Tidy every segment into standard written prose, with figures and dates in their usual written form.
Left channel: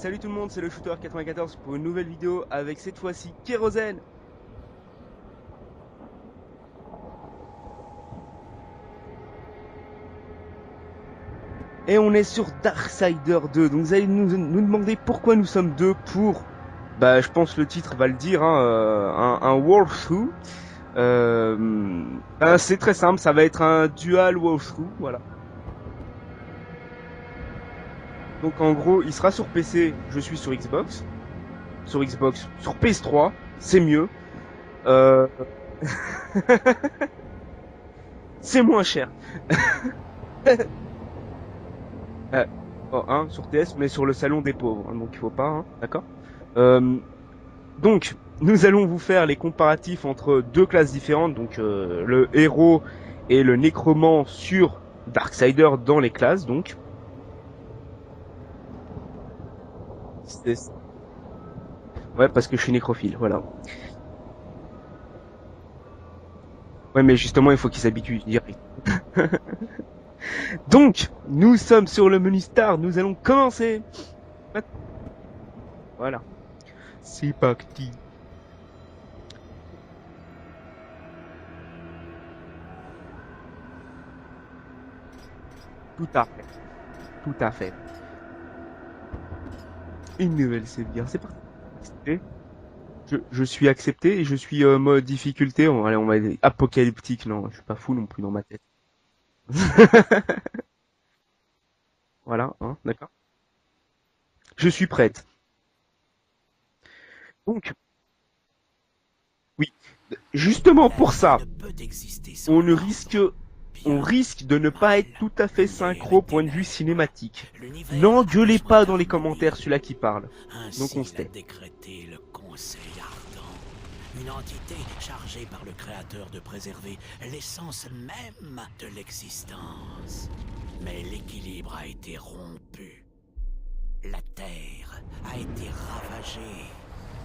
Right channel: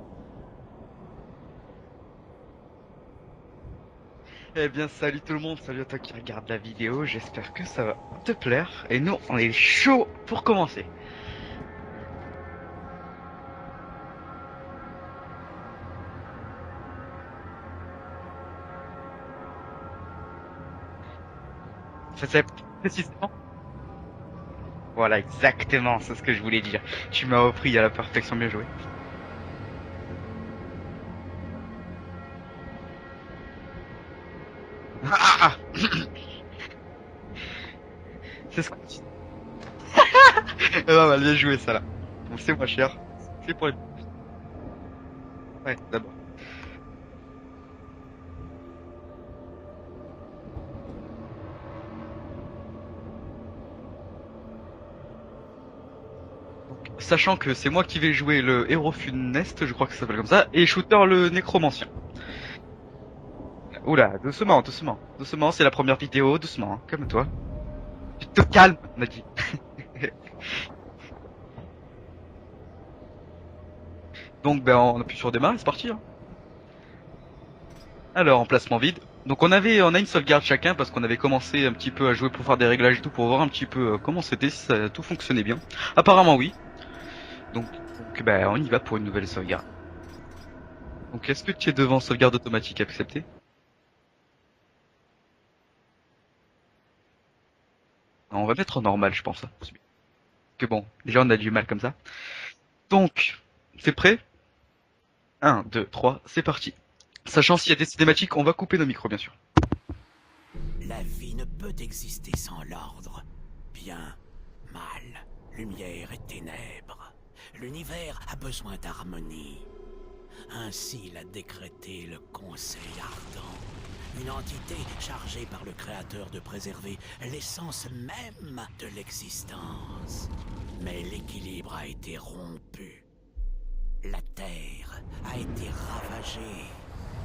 Salut tout le monde, c'est le Shooter94 pour une nouvelle vidéo avec cette fois-ci Kérosène. Eh bien, salut tout le monde, salut à toi qui regarde la vidéo, j'espère que ça va te plaire. Et nous, on est chaud pour commencer. Et on est sur Darksider 2. Donc vous allez nous demander pourquoi nous sommes deux pour, bah je pense le titre va le dire, hein, un walkthrough. C'est très simple, ça va être un dual walkthrough. Voilà, exactement, c'est ce que je voulais dire. Tu m'as repris à la perfection, bien Donc joué. en gros, il sera sur PC, je suis sur Xbox, sur PS3, c'est mieux. Euh, Ah, c'est moins cher. bah, bien joué ça là. Euh, C'est moins cher. oh, hein, sur C'est moins... PS, mais sur le salon des pauvres, hein, donc il faut pas, hein, Ouais, d'accord? Euh, donc, nous allons vous faire les comparatifs entre deux classes différentes, donc le héros et le nécromant sur Darksider dans les classes, donc. Sachant que c'est moi qui vais jouer le héros funeste, je crois que ça s'appelle comme ça, C'est- et Shooter le nécromancien. Ouais, parce que je suis nécrophile, voilà. Oula, doucement, doucement. Doucement, c'est la première vidéo, doucement, hein, Ouais, mais calme-toi. justement, il faut qu'il s'habitue. Te calme, on a dit. Donc, nous sommes sur le menu Start, nous allons commencer. Donc, ben, on appuie sur démarrer, c'est parti. Hein. Voilà. C'est parti. Alors, emplacement vide. Donc on a une sauvegarde chacun parce qu'on avait commencé un petit peu à jouer pour faire des réglages et tout pour voir un petit peu comment c'était, si tout fonctionnait bien. Apparemment oui. Tout à Donc, fait. ben, on y va pour une nouvelle sauvegarde. Une nouvelle sauvegarde. C'est Donc est-ce que tu es devant sauvegarde automatique acceptée? je suis accepté et je suis mode difficulté. Allez, on va apocalyptique. Non, je suis pas fou non plus dans Non, ma on va tête. mettre en normal je pense. Que bon, déjà on a du mal comme ça. Voilà. Hein, Donc, c'est prêt? je suis prête. 1, 2, 3, c'est parti. Sachant Donc, s'il y a des cinématiques, on va couper nos micros bien sûr. justement pour La vie ça, ne peut exister sans on ne l'ordre. on Bien, risque de ne pas mal, être tout à fait lumière synchro et point de vue ténèbres. cinématique. l'univers N'engueulez a besoin pas dans les d'harmonie. commentaires celui-là qui parle. Ainsi Donc, on l'a sait. décrété le Conseil Ardent. Une entité chargée par le Créateur de préserver l'essence même de l'existence. Mais l'équilibre a été rompu. La Terre a été ravagée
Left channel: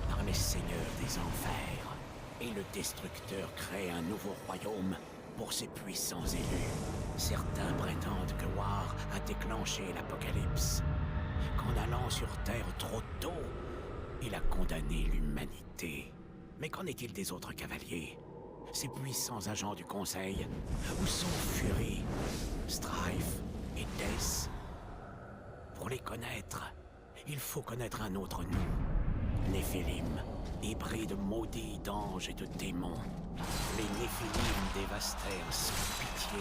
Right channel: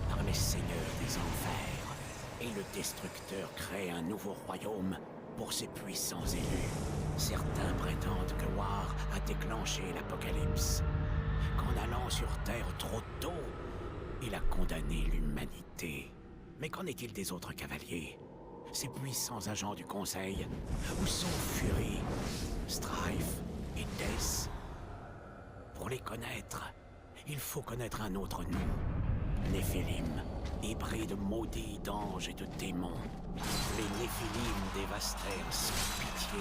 par les seigneurs des enfers. Et le Destructeur crée un nouveau royaume pour ses puissants élus. Certains prétendent que War a déclenché l'apocalypse. Qu'en allant sur Terre trop tôt, il a condamné l'humanité. Mais qu'en est-il des autres cavaliers? Ces puissants agents du Conseil? Où sont Fury, Strife et Death? Pour les connaître, il faut connaître un autre nom. Néphilim, hybride maudit d'anges et de démons. Les Néphilim dévastèrent sans pitié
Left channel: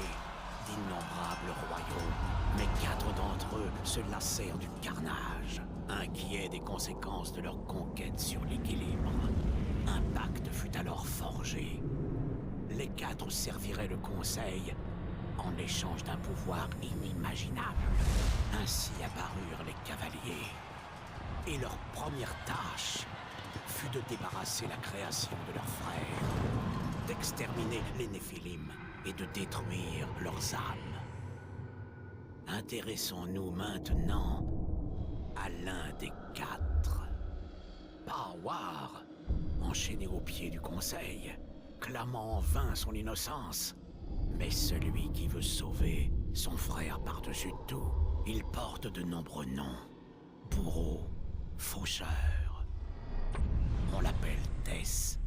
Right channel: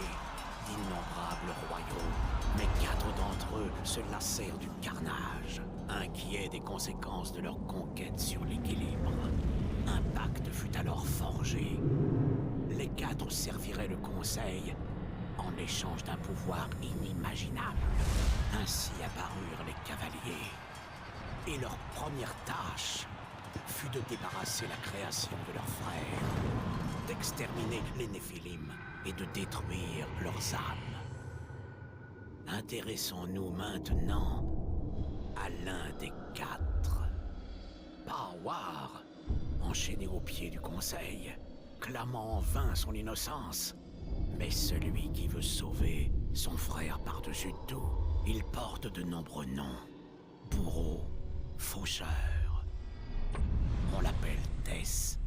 d'innombrables royaumes. Mais 4 d'entre eux se lassèrent du carnage, inquiets des conséquences de leur conquête sur l'équilibre. Un pacte fut alors forgé. Les 4 serviraient le Conseil en échange d'un pouvoir inimaginable. Ainsi apparurent les cavaliers. Et leur première tâche fut de débarrasser la création de leurs frères, d'exterminer les Néphilim et de détruire leurs âmes. Intéressons-nous maintenant à l'un des 4. Pas War, enchaîné au pied du Conseil, clamant en vain son innocence, mais celui qui veut sauver son frère par-dessus tout. Il porte de nombreux noms. Bourreau, faucheur. On l'appelle Tess.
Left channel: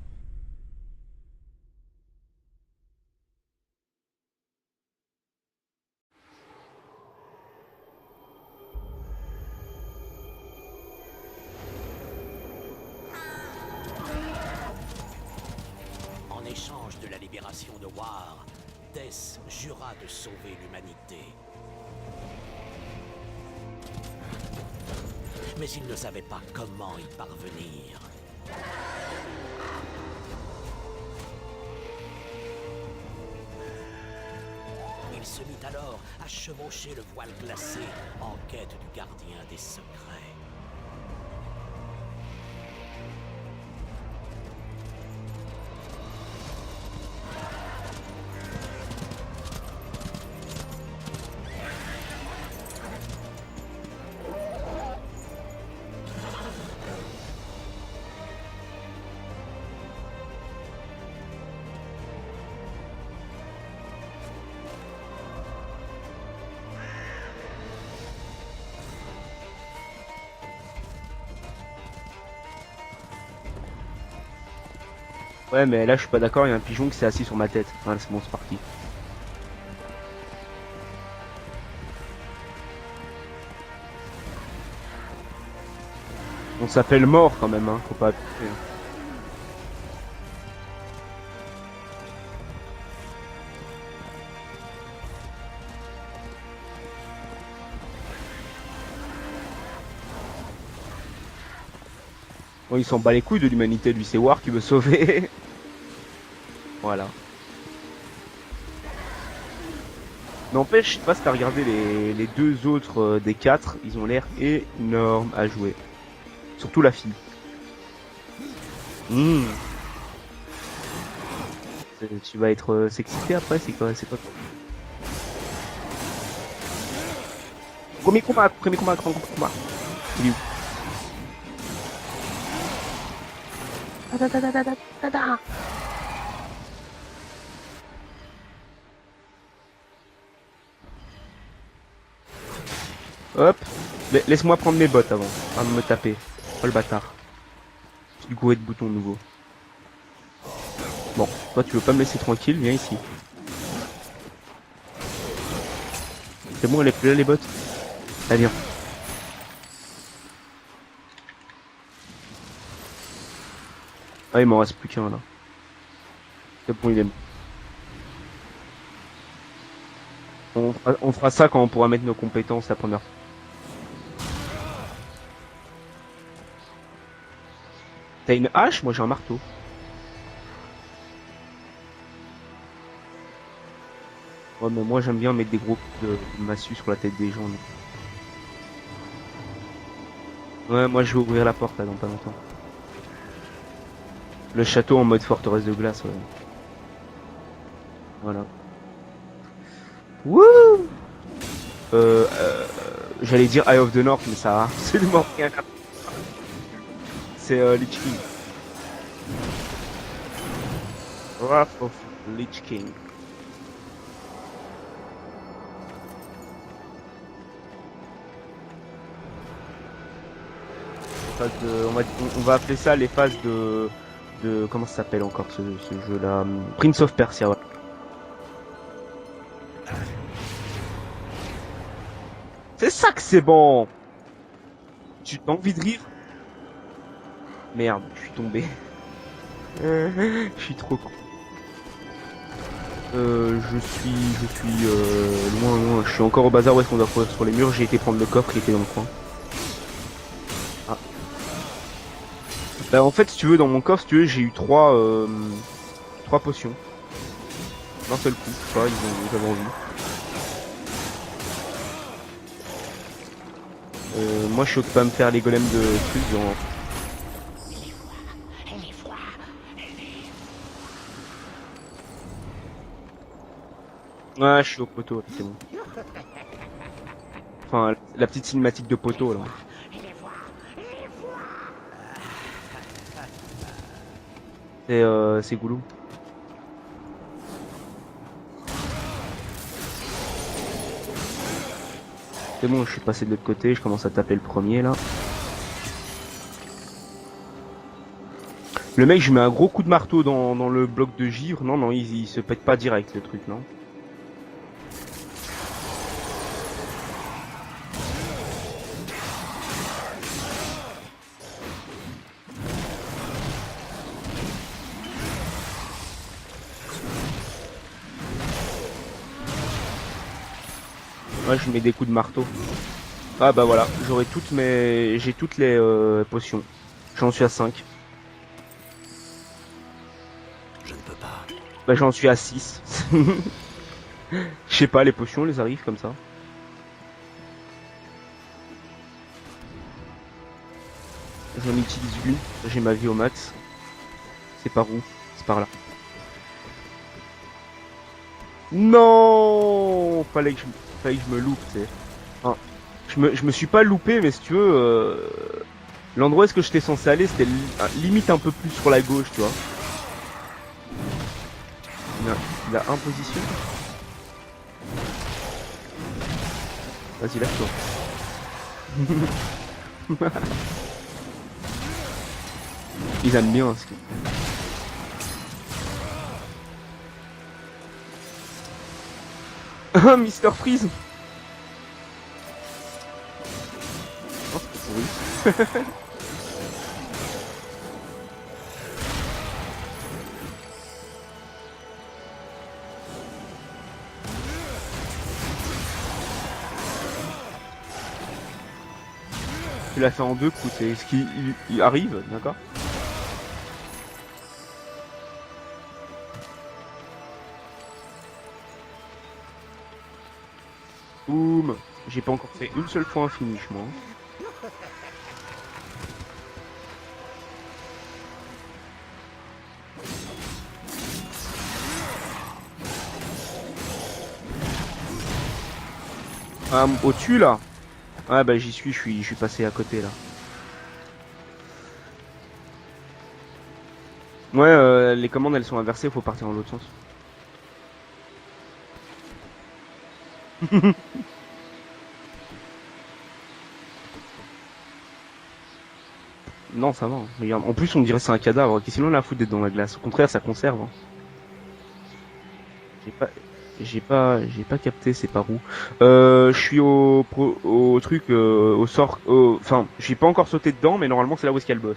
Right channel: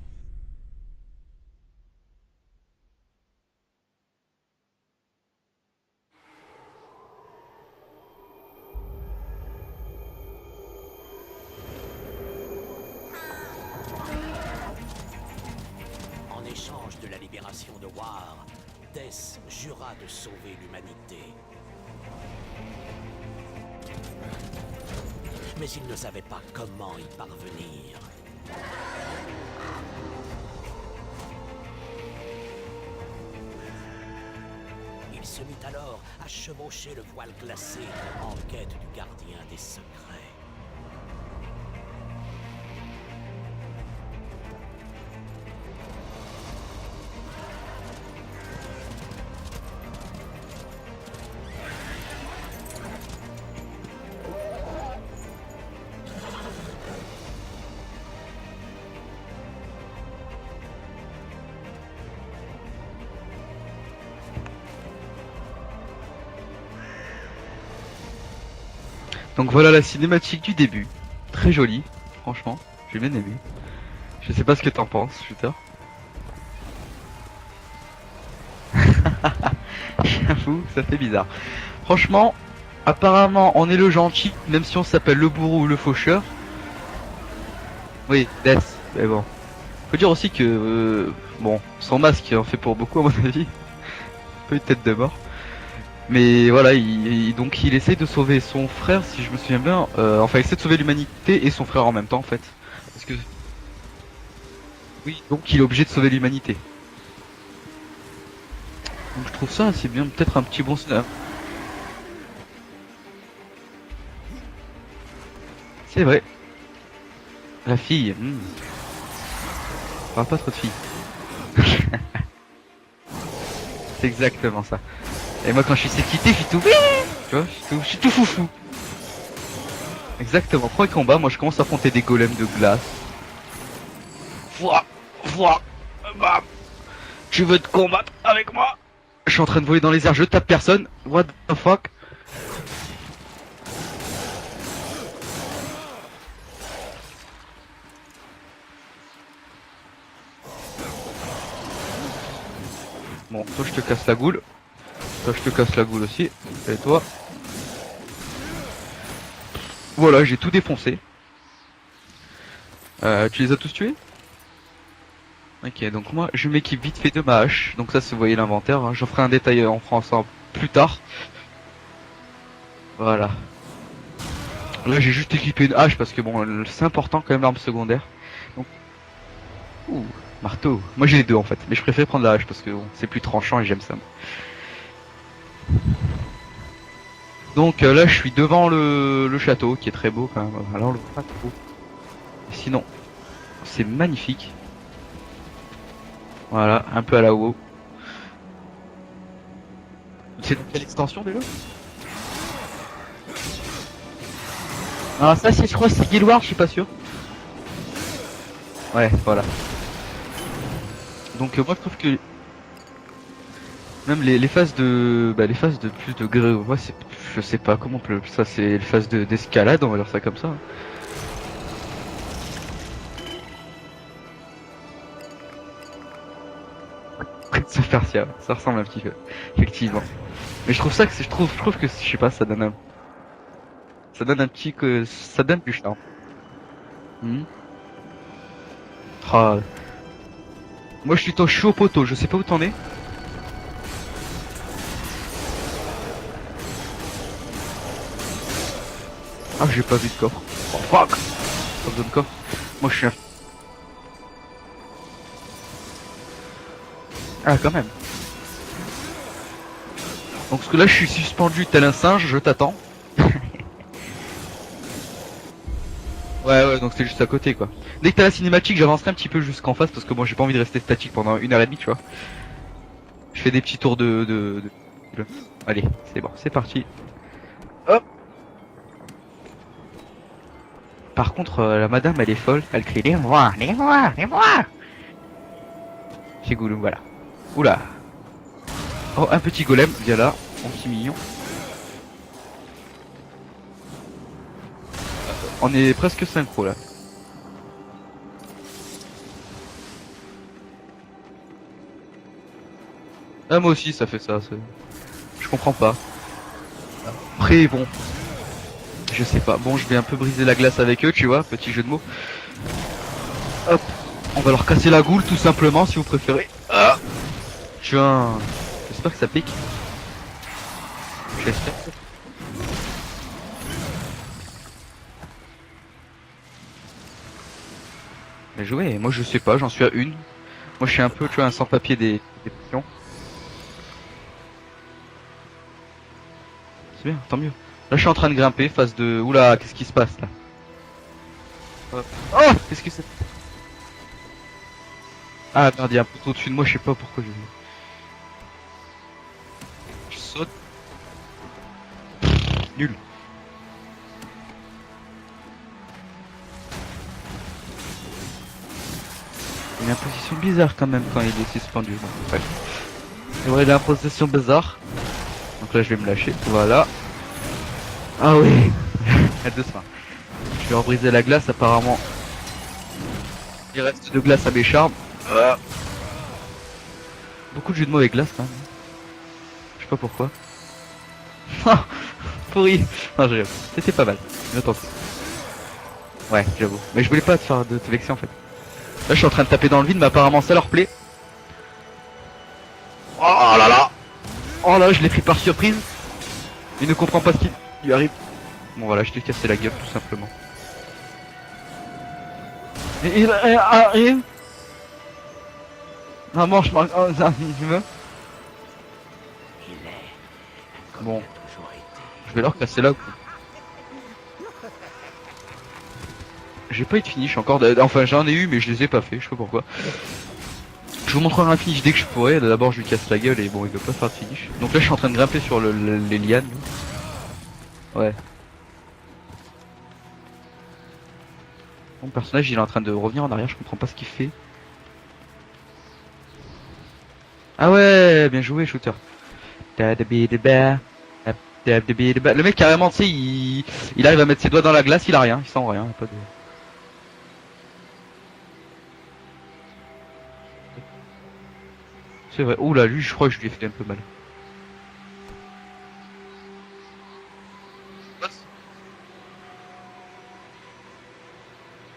En échange de la libération de War, Tess jura de sauver l'humanité. Mais il ne savait pas comment y parvenir. Il se mit alors à chevaucher le voile glacé en quête du gardien des secrets. Donc voilà la cinématique du début. Très jolie, franchement. J'ai bien aimé. Je sais pas ce que t'en penses, putain. Ouais, mais là, je suis pas d'accord, il y a un pigeon qui s'est assis sur ma tête. Voilà, c'est bon, c'est parti. J'avoue, ça fait bizarre. Franchement, apparemment, on est le gentil, même si on s'appelle le bourreau ou le faucheur. On s'appelle mort quand même, hein. Faut pas... Oui, Death, mais bon. Faut dire aussi que, bon, son masque en fait pour beaucoup à mon avis. Un peu une tête de mort. Mais voilà, donc il essaie de sauver son frère, si je me souviens bien. Enfin, il essaie de sauver l'humanité et son frère en même temps, en fait. Ouais, il s'en bat les couilles de l'humanité, lui, c'est War qui veut sauver. Donc il est obligé de sauver l'humanité. Voilà. Donc, je trouve ça assez bien, peut-être un petit Mais en bon fait, je sais scénario. pas si t'as regardé les deux autres des 4, ils ont l'air énormes à jouer. C'est vrai, Surtout la fille. la fille. On parle pas trop de fille. Tu vas être sexité après, c'est quoi? C'est exactement ça. Et moi quand je suis sexité, je suis tout. Tu vois, je suis tout Premier foufou. combat, premier combat, premier combat. Exactement, premier combat, moi je commence à affronter des golems de glace. Tu veux te combattre avec moi? Je suis en train de voler dans les airs, je tape personne. What the fuck? Hop, laisse-moi prendre mes bottes avant de me taper. Oh le bâtard. Du coup, de bouton nouveau. Bon, toi tu veux pas me laisser tranquille, viens ici. Bon, toi je te casse la goule. Toi je te casse la goule aussi. C'est bon, Et elle est toi plus là les bottes. Allez, viens. Voilà, j'ai tout défoncé. Tu les as tous tués? Ah, il m'en reste plus qu'un là. Ok, donc moi je m'équipe C'est bon, vite fait de ma hache. Donc ça, vous voyez l'inventaire. Hein. J'en ferai un détail en français plus tard. On fera ça quand on pourra mettre nos compétences la première fois. Voilà. Là j'ai juste équipé une hache parce que bon, c'est important quand même l'arme secondaire. T'as une hache? Moi j'ai un marteau. Ouh, marteau. Moi j'ai les deux en fait, mais je préfère prendre la hache parce que bon, c'est plus tranchant et j'aime ça. Ouais, mais moi j'aime bien mettre des gros coups de massue sur la tête des gens. Là. Donc là je suis devant le château qui est très beau quand même. Ouais, Vraiment. moi je vais ouvrir la porte là dans pas longtemps. Sinon, c'est magnifique. Le château en mode forteresse de glace. Ouais. Voilà, un peu à la WoW. Voilà. C'est l'extension déjà? J'allais dire Eye of the North, mais ça a absolument Ah rien. ça c'est, je crois, c'est Guild Wars, je suis pas sûr. C'est Lich King. Ouais, voilà. Donc Ah, moi je trouve que Lich King. même les phases de les phases de plus de gré, ouais, c'est, je sais pas comment on peut, ça c'est les phases d'escalade, on va dire ça comme ça. On va appeler ça les phases de comment ça s'appelle encore ce jeu là, Prince of Persia. Ouais. Ça Persia, ça ressemble un petit peu, effectivement. Mais je trouve ça que je trouve que je sais pas, ça donne un C'est ça que c'est bon. petit que Tu ça donne t'as du vu temps. venir Merde, je suis tombé. Ah, Je suis trop con. moi je suis au poteau, je sais pas où t'en es. Je suis encore au bazar où est-ce qu'on doit courir sur les murs. J'ai été prendre le coffre qui était dans le coin. Ah, j'ai pas vu de coffre. Oh, fuck. Pas besoin de coffre. Moi je Et suis en fait, si tu veux, dans mon coffre, si tu veux, j'ai eu trois potions. Ah, quand même. D'un seul coup, tu vois, j'avais envie. Donc parce que là je suis suspendu tel un singe, je t'attends. Moi, je suis occupé à me faire les golems de trucs. Ouais, donc t'es juste à côté quoi. Dès que t'as la cinématique, j'avancerai un petit peu jusqu'en face parce que moi j'ai pas envie de rester statique pendant 1h30, tu vois. Je fais des petits tours de... Ouais, je suis au poteau. C'est bon. Allez, c'est bon, c'est parti. Enfin, Hop. la petite cinématique de poteau là. Par contre, la madame elle est folle, elle crie les moi, les moi, les moi. Et c'est Goulou. Chez Goulou, voilà. Oula. Oh, un petit golem, viens là, un petit mignon. C'est bon, je suis passé de l'autre côté, je commence à taper le premier là. On est presque synchro là. Le mec, je mets un gros coup de marteau dans le bloc de givre. Non, il se pète pas direct le truc. Ah, moi aussi ça fait ça, je comprends pas. Après bon, je sais pas, bon je vais un peu briser la glace avec eux, tu vois, petit jeu de mots. Hop, on va leur casser la goule tout simplement si vous préférez. Ah, tu vois, j'espère que ça pique. Ouais, je mets des coups de marteau. Ah bah voilà, j'ai toutes les potions. J'en suis à 5. Mais jouer, moi je sais pas, j'en suis à une. Moi je suis un peu, tu vois, un sans-papier. J'en suis à des 6. potions. Je sais pas, les potions, elles arrivent comme ça. C'est bien, tant mieux. Là je suis en train de grimper, phase de... Oula, qu'est-ce qui se passe là? J'en utilise une, Oh, j'ai ma vie au max. C'est par où? C'est par Ah là. merde, il y a un poteau au-dessus de moi, je sais pas pourquoi je... Non, Je fallait que je me loupe, tu sais. Oh, nul. Je me suis pas loupé, mais si tu veux, l'endroit où est-ce que j'étais censé aller, c'était limite un peu plus sur la gauche, tu vois. Il a une position bizarre quand même quand il est suspendu. Ouais. Il a imposition. Ouais, il a une position bizarre. Donc là je vais me lâcher, voilà. Vas-y, lâche-toi. Ah oui. de train. Je vais rebriser la glace apparemment. Ils aiment bien. Il reste de glace à m'écharpe. Beaucoup de jeux de mots avec glace. Hein. Je sais pas pourquoi. Mister Freeze. Pourri. Non, c'était pas mal. Je pense. Ouais, j'avoue. Mais je voulais pas te faire de te vexer en fait. Là, je suis en train de taper dans le vide, mais apparemment ça leur plaît. Oh là là. Oh là, je l'ai pris par surprise. Il ne comprend pas ce qui lui arrive. Bon voilà, je t'ai cassé la gueule. Il a fait en deux coups, c'est ce qui il arrive, d'accord. Il arrive. Ah mange, oh, ça, tu veux. Bon. Boum. J'ai pas Je vais leur encore casser une la- seule fois un finish, moi. J'ai pas eu de finish encore, enfin j'en ai eu mais je les ai pas fait, je sais pas pourquoi. Je vous montrerai un finish dès que je pourrai, d'abord je lui casse la gueule et bon il veut pas faire de finish. Donc là je suis en train de grimper sur les lianes. Ah, au-dessus là. Ouais. Ouais bah j'y suis, je suis passé à côté là. Mon personnage il est en train de revenir en arrière, je comprends pas ce qu'il fait. Ouais, les commandes elles sont inversées, faut partir dans l'autre sens. Ah ouais, bien joué shooter. Le mec carrément tu sais il arrive à mettre ses doigts dans la glace, il a rien, il sent rien. Pas de... Non ça va, regarde. En plus on dirait que c'est un cadavre, sinon on a foutre d'être dans la glace. Au contraire ça conserve. Hein. C'est vrai, oula lui je crois que je lui ai fait un peu mal. J'ai pas capté, c'est par où. Je suis au truc, au sort, enfin, j'ai pas encore sauté dedans, mais normalement c'est là où est-ce qu'il y a le boss.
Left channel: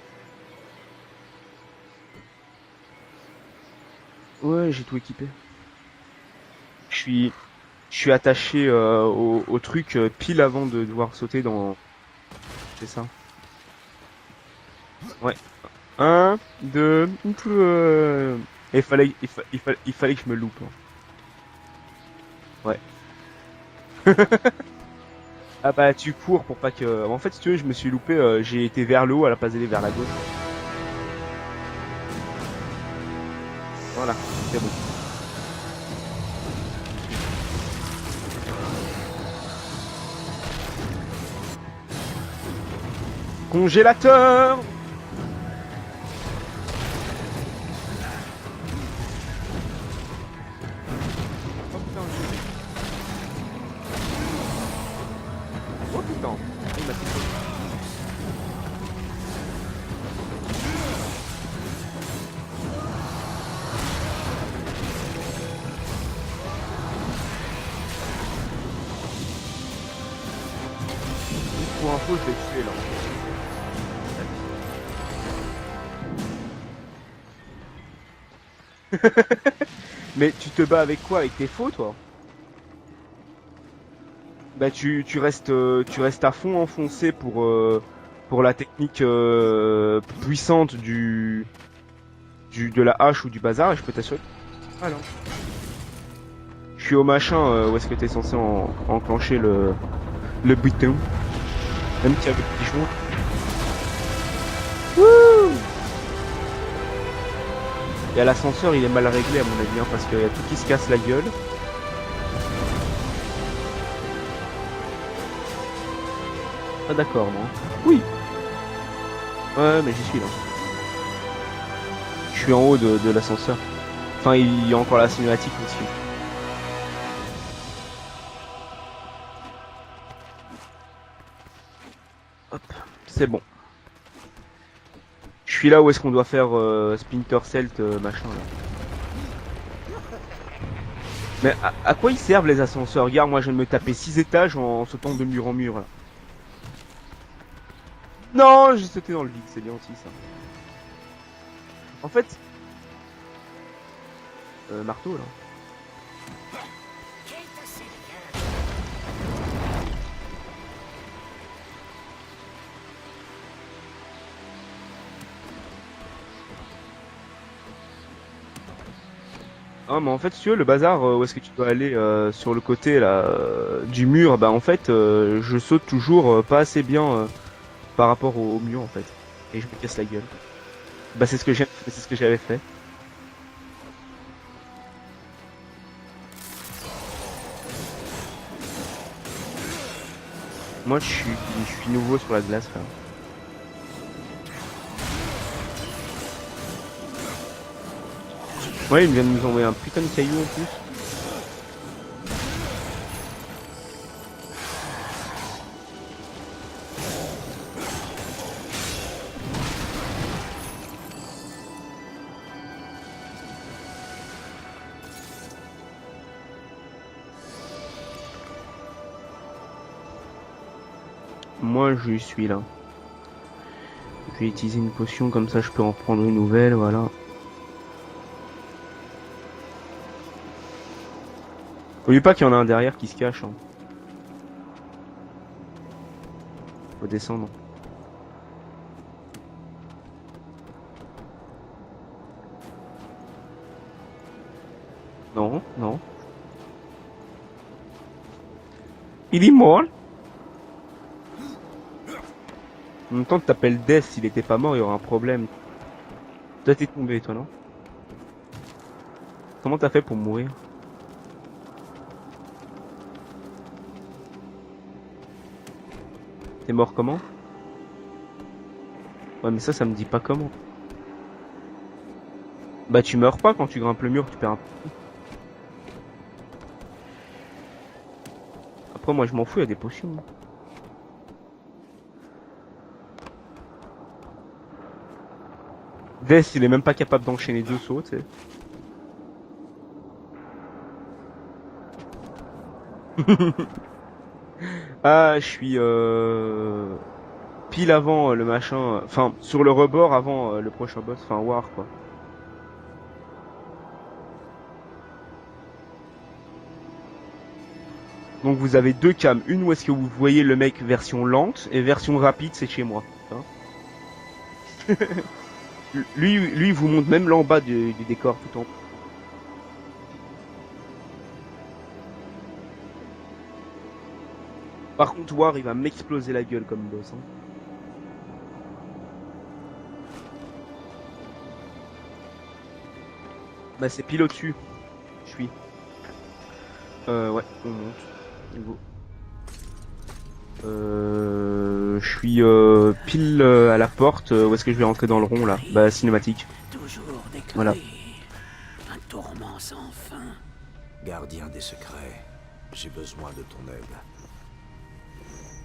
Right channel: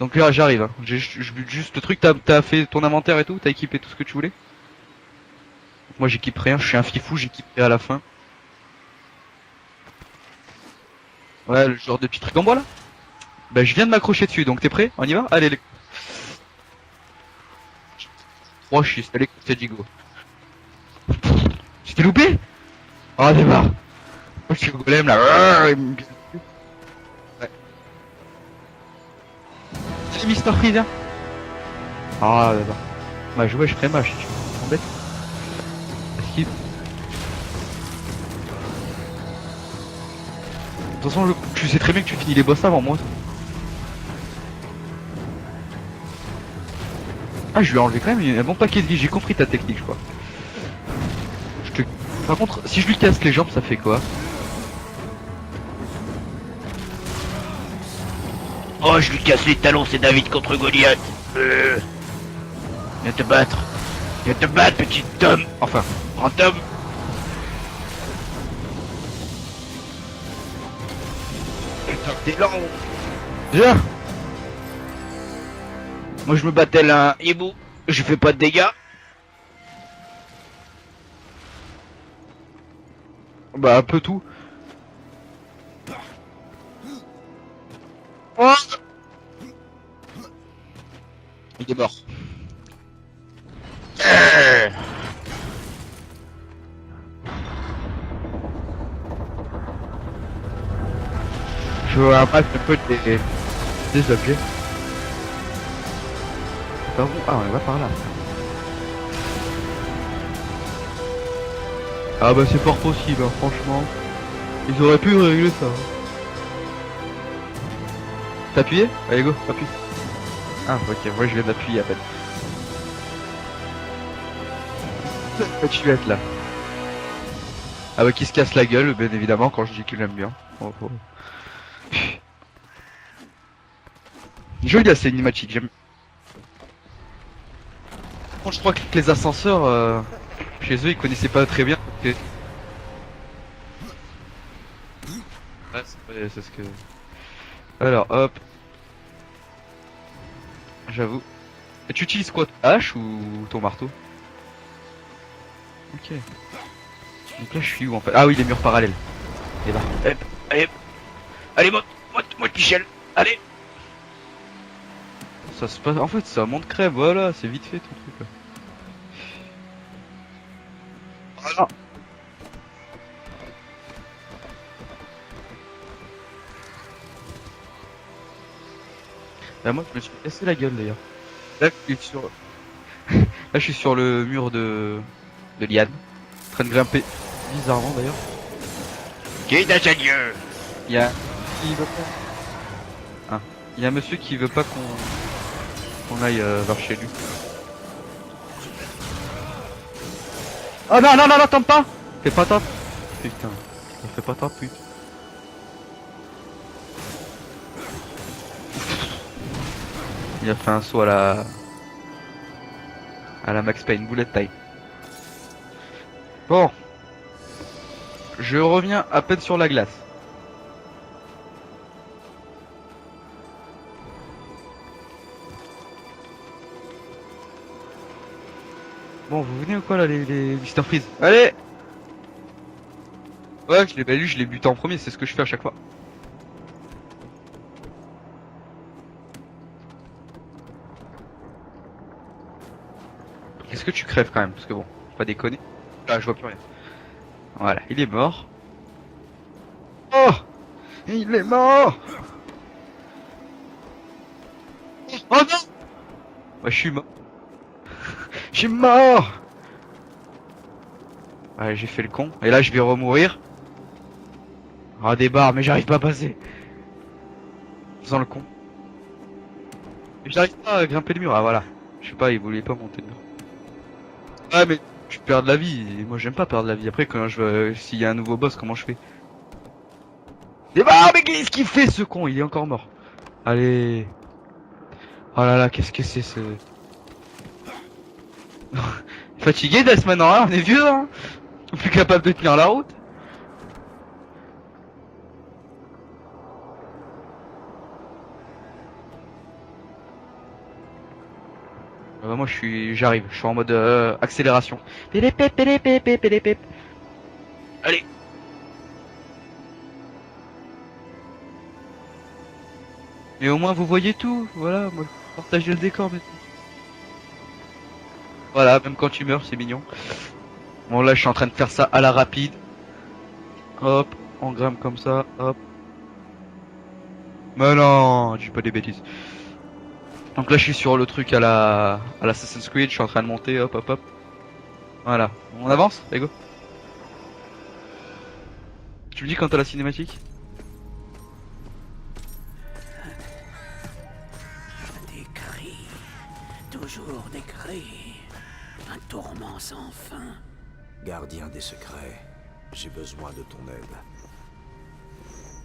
Donc là j'arrive, hein. J'ai juste le truc, t'as fait ton inventaire et tout, t'as équipé tout ce que tu voulais. Ouais, j'ai tout équipé. Moi j'équipe rien, je suis un frifou, Je suis- j'équiperai à la fin. Je suis attaché au truc pile avant de devoir sauter dans. Ouais, le genre de petit truc en bois là. C'est ça. Bah je viens de m'accrocher dessus, donc t'es prêt? On y va? Ouais. Allez les... 1, 2, Oh, il fallait que t'aies dit go. que je me loupe. Tu t'es loupé? Ouais. Oh démarre. Je suis golem là. Ah, bah tu cours pour pas que. En fait, si tu veux, je me suis loupé, j'ai été vers le haut à la place d'aller vers la gauche. C'est Mister Freeze hein. Ah d'accord. Bah je ferai mal. C'est roulé. Skip. De toute façon, tu sais très bien que tu finis les boss avant moi. Congélateur. Ah, je lui ai enlevé quand même un bon paquet de vie, j'ai compris ta technique, je crois. Par contre, si je lui casse les jambes, ça fait quoi? Oh, je lui casse les talons, c'est David contre Goliath. Viens te battre. Viens te battre, petit Tom. Enfin, Grand Tom. viens. Moi, je me battais là, un hibou. Je fais pas de dégâts. Mais tu te bats avec quoi? Avec tes faux, toi? Bah un peu tout. Bah tu restes à fond enfoncé pour la technique puissante Il est mort. de la hache ou du bazar et je peux te Je suis au machin où est-ce que t'es censé enclencher le bouton. Je veux un mal des objets. Ah, on va par là. Et à l'ascenseur il est mal réglé à mon avis hein, parce que tout qui se casse la gueule. Ah bah c'est fort possible, hein, franchement. Ils auraient pu régler ça. Pas d'accord moi. Oui. T'as appuyé? Allez go. Ouais mais je suis là. Ah ok, moi je viens d'appuyer à peine. Je suis en haut de l'ascenseur. Enfin il y a encore la cinématique. Tu vas être là. Ah bah qui se casse la gueule, bien évidemment, quand je dis qu'il aime bien. C'est bon. Joli la cinématique. Je suis là où est-ce qu'on doit faire Splinter Cell machin. Bon, je crois que les ascenseurs, chez eux, ils connaissaient pas Mais très bien. à quoi ils servent les ascenseurs? Regarde, moi je viens de me taper 6 étages en sautant de mur en mur. Ouais, c'est ce que... Alors, hop, Non, j'ai sauté dans le vide, c'est gentil ça. j'avoue. Et tu En utilises fait, quoi, ta hache ou ton marteau? Marteau là. Ok. Donc là, je suis où en fait? Ah oui, les murs parallèles. Et là. Allez, monte, Michel. Allez. Ça se passe... En fait, c'est un monde crève, voilà, c'est vite fait tout. Ah mais en fait si tu veux le bazar où est-ce que tu peux aller sur le côté là du mur, bah en fait je saute toujours pas assez bien par rapport au mur en fait. Et je Ah, me moi, casse je la me suis gueule. cassé la gueule d'ailleurs. Bah c'est ce que j'avais fait. Là, je suis sur le mur de liane. En train de grimper. Bizarrement d'ailleurs. Qui d'ingénieux. Moi Il y a- je suis nouveau sur la glace là. Il y a un monsieur qui veut pas qu'on aille vers chez lui. Ouais il vient de nous envoyer un putain de caillou aussi. Oh non, non, non, non, tente pas. Fais pas tente. Putain, fais pas tente, plus. Il a fait un saut à la Max Payne, bullet time. Bon. Je reviens à peine sur la glace. Moi, je suis là. Je vais utiliser une potion, comme ça je peux en prendre une nouvelle, voilà. Bon, vous venez ou quoi là, les Mr. Freeze? Allez! N'oublie pas qu'il y en a un derrière qui se cache, hein. Ouais, lui, je l'ai buté en premier, c'est ce que je fais à chaque fois. Faut descendre. Est-ce que tu crèves quand même? Parce que bon, faut pas déconner. Non, non. Ah, je vois plus rien. Voilà, il est mort. Il est mort. Oh! Il est mort! En même temps que t'appelles Death, s'il était pas mort, il y aurait un problème. Oh non! Ouais, je suis mort. tombé, toi, non? Je suis mort! Comment t'as fait pour mourir? Ouais, j'ai fait le con. Et là, je vais remourir. Ah, des barres, mais j'arrive pas à passer. T'es mort comment? Faisant le con. Ouais, mais ça me dit pas comment. J'arrive pas à grimper le mur, ah voilà. Je sais pas, il voulait pas mon. Bah, tu meurs pas quand tu grimpes le mur, tu perds un. Ouais, mais je perds de la vie. Et moi, j'aime pas perdre de la vie. Après, quand s'il y a un nouveau boss, comment je fais? Après, moi, je m'en fous, il y a des potions. Des barres, mais qu'est-ce qu'il fait ce con? Il est encore mort. Allez. Oh là là, qu'est-ce que c'est ça? Death, il est même pas capable d'enchaîner deux sauts, tu sais. Fatigué Death maintenant, hein, on est vieux, hein. Plus capable de tenir la route. Ah, je suis pile avant le machin, enfin sur le rebord avant le prochain boss, enfin War quoi. Moi j'arrive, je suis en mode accélération. Pélépép, pélépép, pélépép. Allez. Donc vous avez deux cams, une où est-ce que vous voyez le mec version lente et version rapide c'est chez moi. Hein. Et au moins vous voyez tout, voilà, partagez le décor. Lui il vous montre même l'en bas du décor. Tout Voilà, même quand tu meurs, c'est mignon. Bon là je suis en train de faire ça à la rapide. Hop, on grimpe comme Par ça. contre War hop. il va m'exploser la gueule comme boss. Hein. Mais non, dis pas des bêtises. Donc là je suis sur le truc à l'Assassin's Creed, je suis en train de monter, hop hop Bah hop. c'est pile au-dessus. Voilà. Je suis. On avance, les go. Ouais, on monte. Go. Tu me dis quand t'as la cinématique? Je suis pile à la porte, où est-ce que je vais rentrer dans le rond là? Bah cinématique. Toujours déclaré. Voilà. Un tourment sans fin. Gardien des secrets, j'ai besoin de ton aide.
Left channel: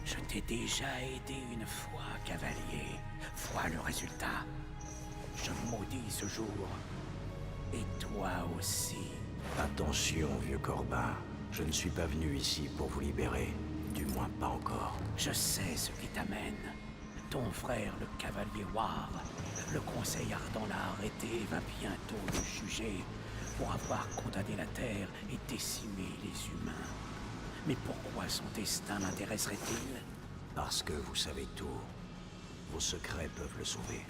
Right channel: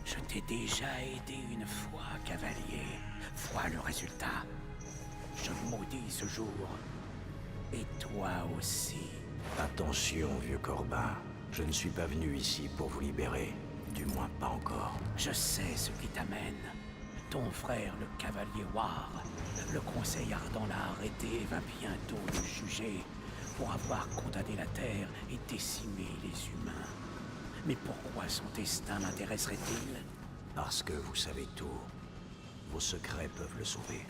Je t'ai déjà aidé une fois, cavalier. Vois le résultat. Je maudis ce jour. Et toi aussi. Attention, vieux Corbin. Je ne suis pas venu ici pour vous libérer. Du moins pas encore. Je sais ce qui t'amène. Ton frère, le cavalier War, le conseil ardent l'a arrêté et va bientôt le juger pour avoir condamné la Terre et décimé les humains. Mais pourquoi son destin m'intéresserait-il? Parce que vous savez tout. Vos secrets peuvent le sauver.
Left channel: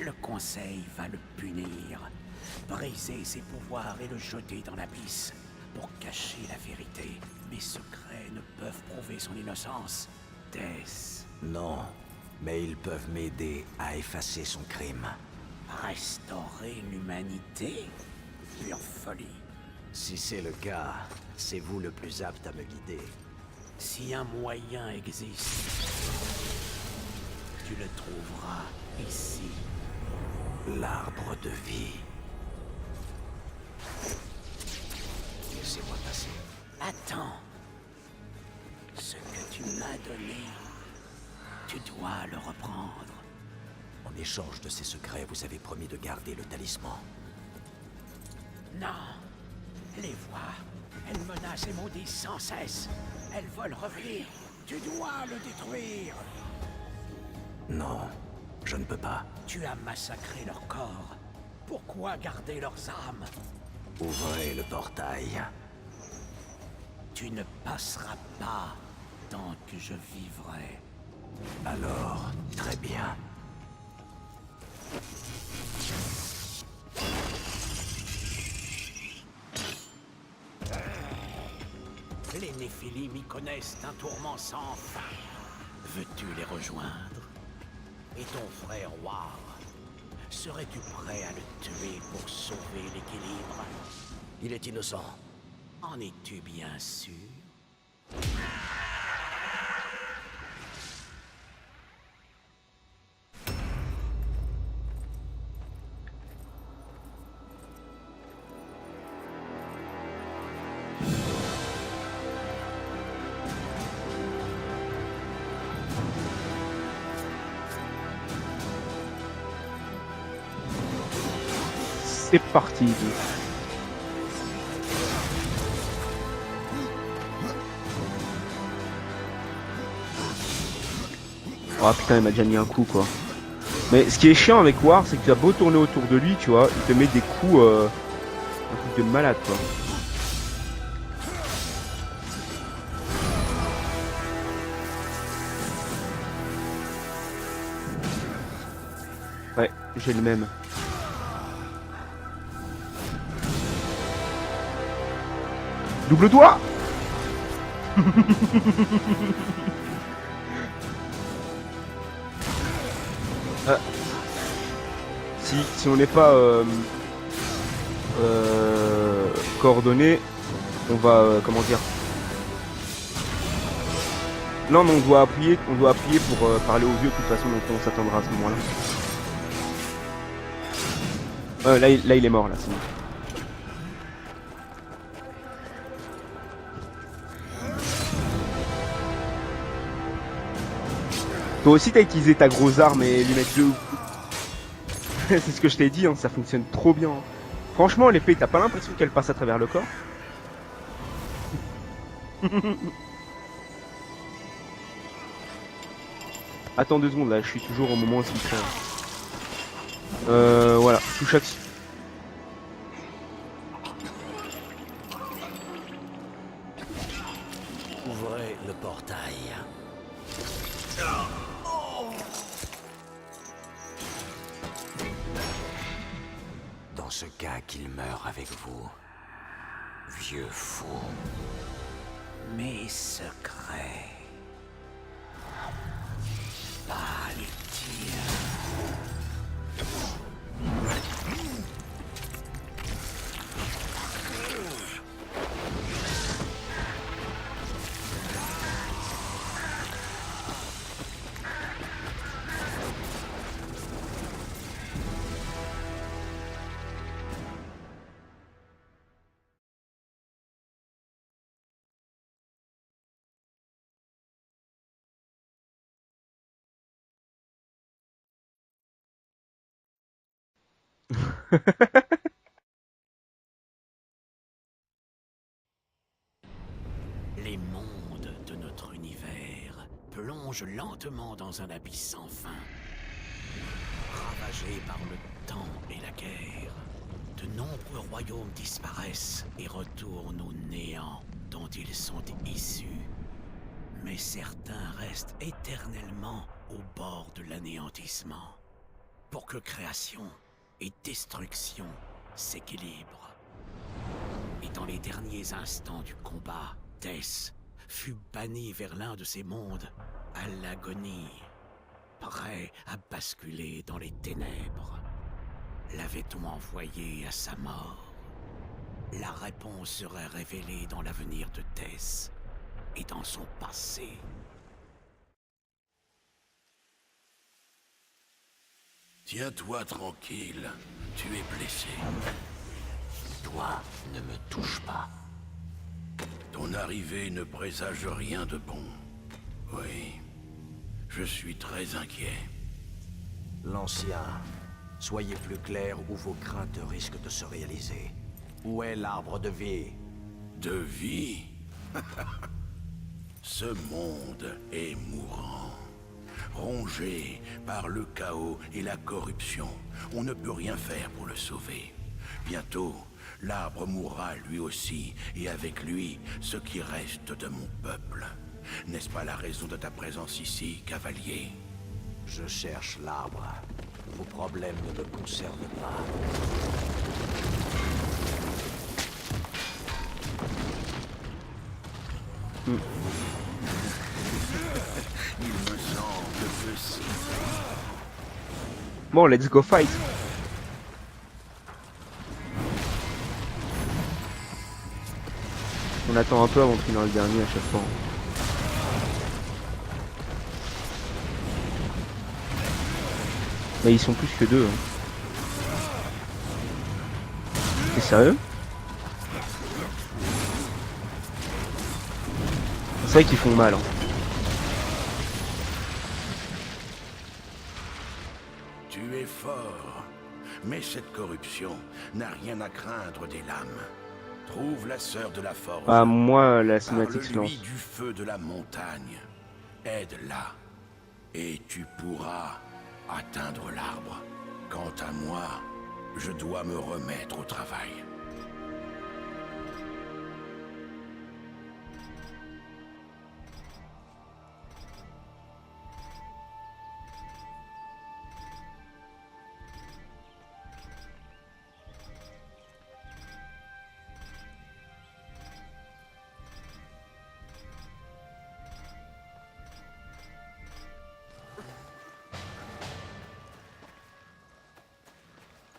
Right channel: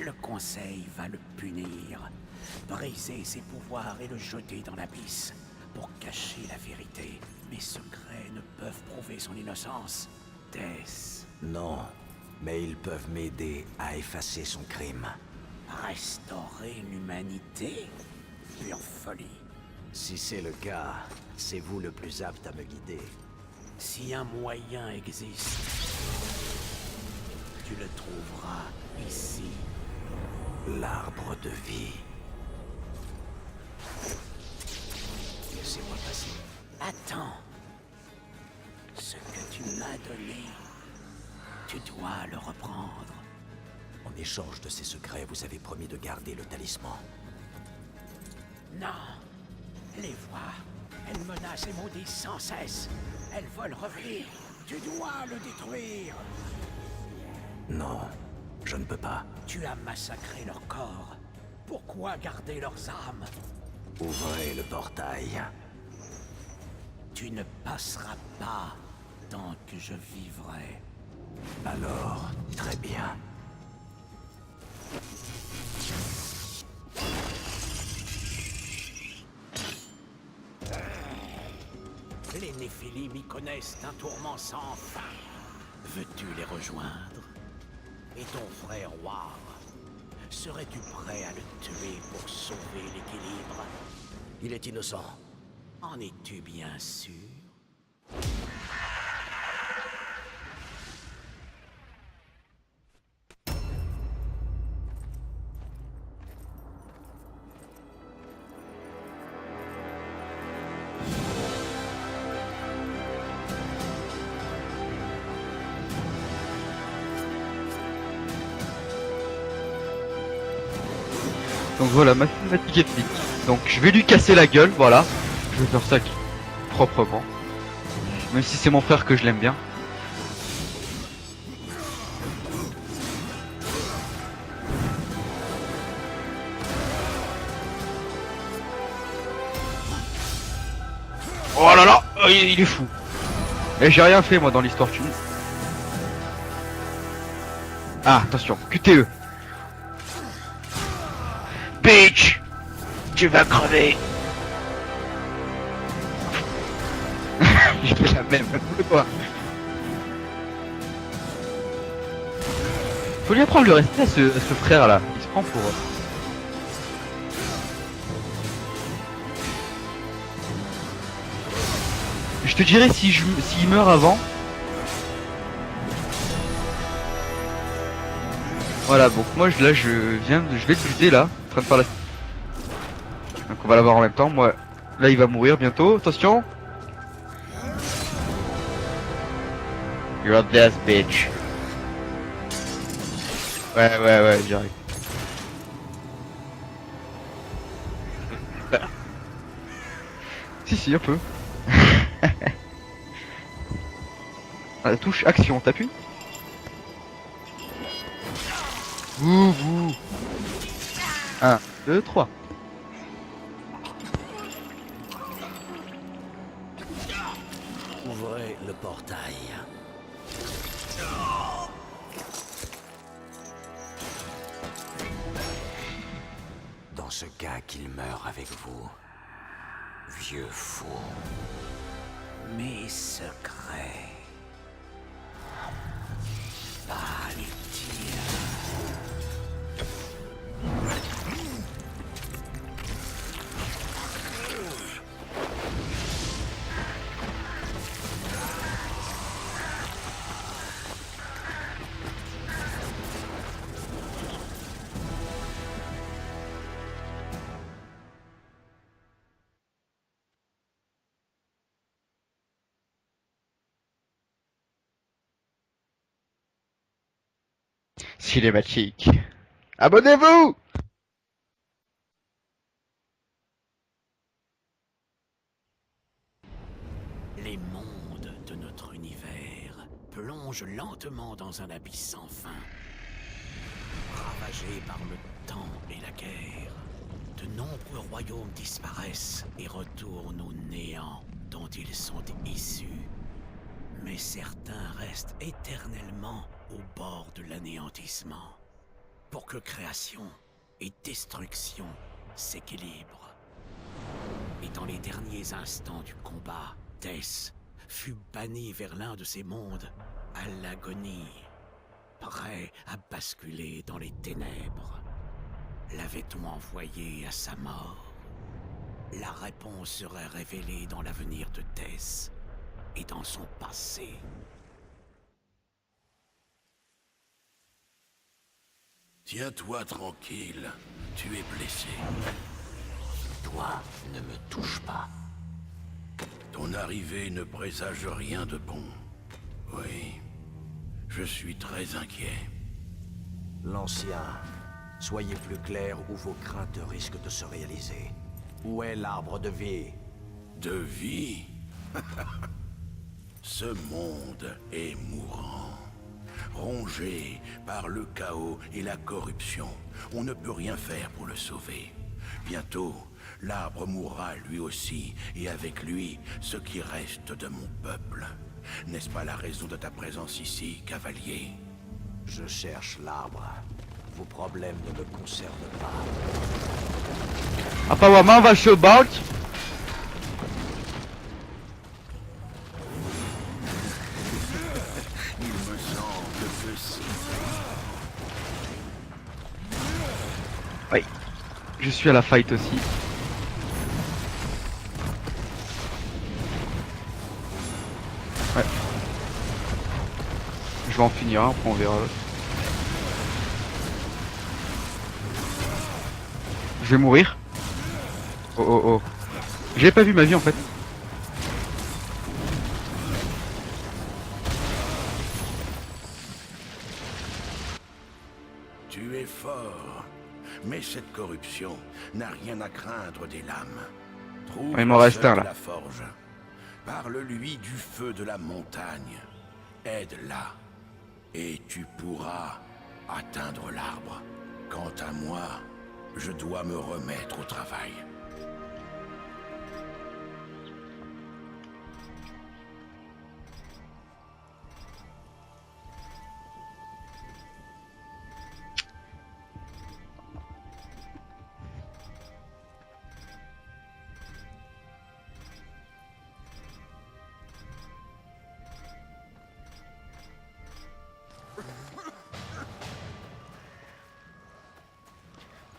Le conseil va le punir, briser ses pouvoirs et le jeter dans l'abysse pour cacher la vérité. Mes secrets ne peuvent prouver son innocence. Death. Non, mais ils peuvent m'aider à effacer son crime. Restaurer l'humanité? Pure folie. Si c'est le cas, c'est vous le plus apte à me guider. Si un moyen existe, tu le trouveras ici. L'arbre de vie. Laissez-moi passer. Attends. Ce que tu m'as donné, tu dois le reprendre. En échange de ces secrets, vous avez promis de garder le talisman. Non. Les voix, elles menacent et maudissent sans cesse. Elles veulent revenir. Tu dois le détruire. Non, je ne peux pas. Tu as massacré leur corps. Pourquoi garder leurs âmes? Ouvrez le portail. Tu ne passeras pas tant que je vivrai. Alors, très bien. Les Néphilim y connaissent un tourment sans fin. Veux-tu les rejoindre? Et ton frère War, serais-tu prêt à le tuer pour sauver l'équilibre? Il est innocent. En es-tu bien sûr? Donc voilà, ma C'est petite parti. game. Donc je vais lui casser la gueule, voilà. Je vais faire ça proprement. Même si c'est mon frère que je l'aime bien. Ah putain, il m'a déjà mis un coup quoi. Mais ce qui est chiant avec War, c'est que tu as beau tourner autour de lui, tu vois, il te met des coups de malade quoi. Oh là là, il est fou. Et j'ai rien fait moi dans l'histoire, tu vois. Ah, attention, QTE. Ouais, c'est le même. Peach, tu vas crever. Double doigt. Je peux la même. Quoi. Faut lui apprendre le respect à ce frère là. Si on n'est pas coordonné, on va comment dire. Je te dirais s'il meurt avant. Non, mais on doit appuyer pour parler aux vieux de toute façon, donc on s'attendra à ce moment-là. Voilà, donc moi je vais te guider là. En train de faire Là, il est mort là. Donc on va l'avoir en même temps. Moi, là il va mourir bientôt. Attention. You're dead, bitch. Toi aussi, t'as utilisé ta grosse arme et les mecs de ouf. Ouais, j'arrive. C'est ce que je t'ai dit, hein, ça fonctionne trop bien. Franchement, l'épée, t'as pas l'impression qu'elle passe à travers le corps? Si, un peu. Ah, touche action, t'appuies. Attends 2 secondes là, je suis toujours au moment où je suis. Vous. Voilà, touche action. 1, 2, 3. Ouvrez le portail. Dans ce cas qu'il meure avec vous, vieux fou. Mes secrets. Pas les tiens. Cinématique. Abonnez-vous. Les mondes de notre univers plongent lentement dans un abysse sans fin. Ravagés par le temps et la guerre, de nombreux royaumes disparaissent et retournent au néant dont ils sont issus. Mais certains restent éternellement au bord de l'anéantissement, pour que création et destruction s'équilibrent. Et dans les derniers instants du combat, Tess fut banni vers l'un de ces mondes, à l'agonie, prêt à basculer dans les ténèbres. L'avait-on envoyé à sa mort? La réponse serait révélée dans l'avenir de Tess et dans son passé. Tiens-toi tranquille, tu es blessé. Toi, ne me touche pas. Ton arrivée ne présage rien de bon. Oui, je suis très inquiet. L'ancien, soyez plus clair ou vos craintes risquent de se réaliser. Où est l'arbre de vie? De vie? Ce monde est mourant. Rongé par le chaos et la corruption, on ne peut rien faire pour le sauver. Bientôt, l'arbre mourra lui aussi, et avec lui, ce qui reste de mon peuple. N'est-ce pas la raison de ta présence ici, cavalier? Je cherche l'arbre. Vos problèmes ne me concernent pas. Apparemment, on va se battre. Il me semble que si. Bon, let's go fight. Je suis à la fight aussi. On attend un peu avant de finir le dernier à chaque fois. Je vais en finir un, après on verra. Mais ils sont plus que 2. Je vais mourir. T'es sérieux? Oh. J'ai pas vu ma vie en fait. C'est vrai qu'ils font mal. Hein. Tu es fort, Mais cette corruption n'a rien à craindre des lames. Trouve Il m'en la reste sœur un, de là. la forge. Ah, moi, la cinématique, non. Parle-lui du feu de la montagne. Aide-la. Et tu pourras atteindre l'arbre. Quant à moi, je dois me remettre au travail.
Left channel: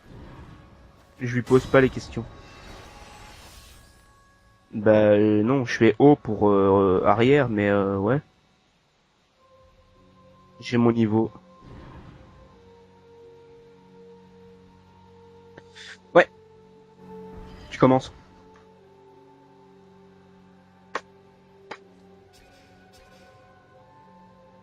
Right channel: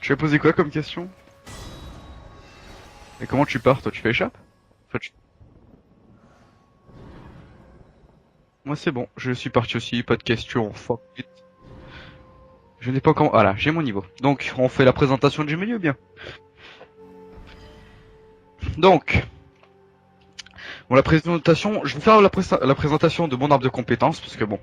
Tu as posé quoi comme question? Je lui pose pas les questions. Et comment tu pars? Toi, tu fais échappe? Bah non, je fais haut pour arrière, mais ouais, Moi, c'est bon. Je suis parti aussi. Pas de questions. j'ai mon niveau. Je n'ai pas encore. Voilà, j'ai mon niveau. Donc, on fait la présentation du menu ou bien? Tu commences. Donc, bon, la présentation, je vais faire la présentation de mon arbre de compétences parce que bon,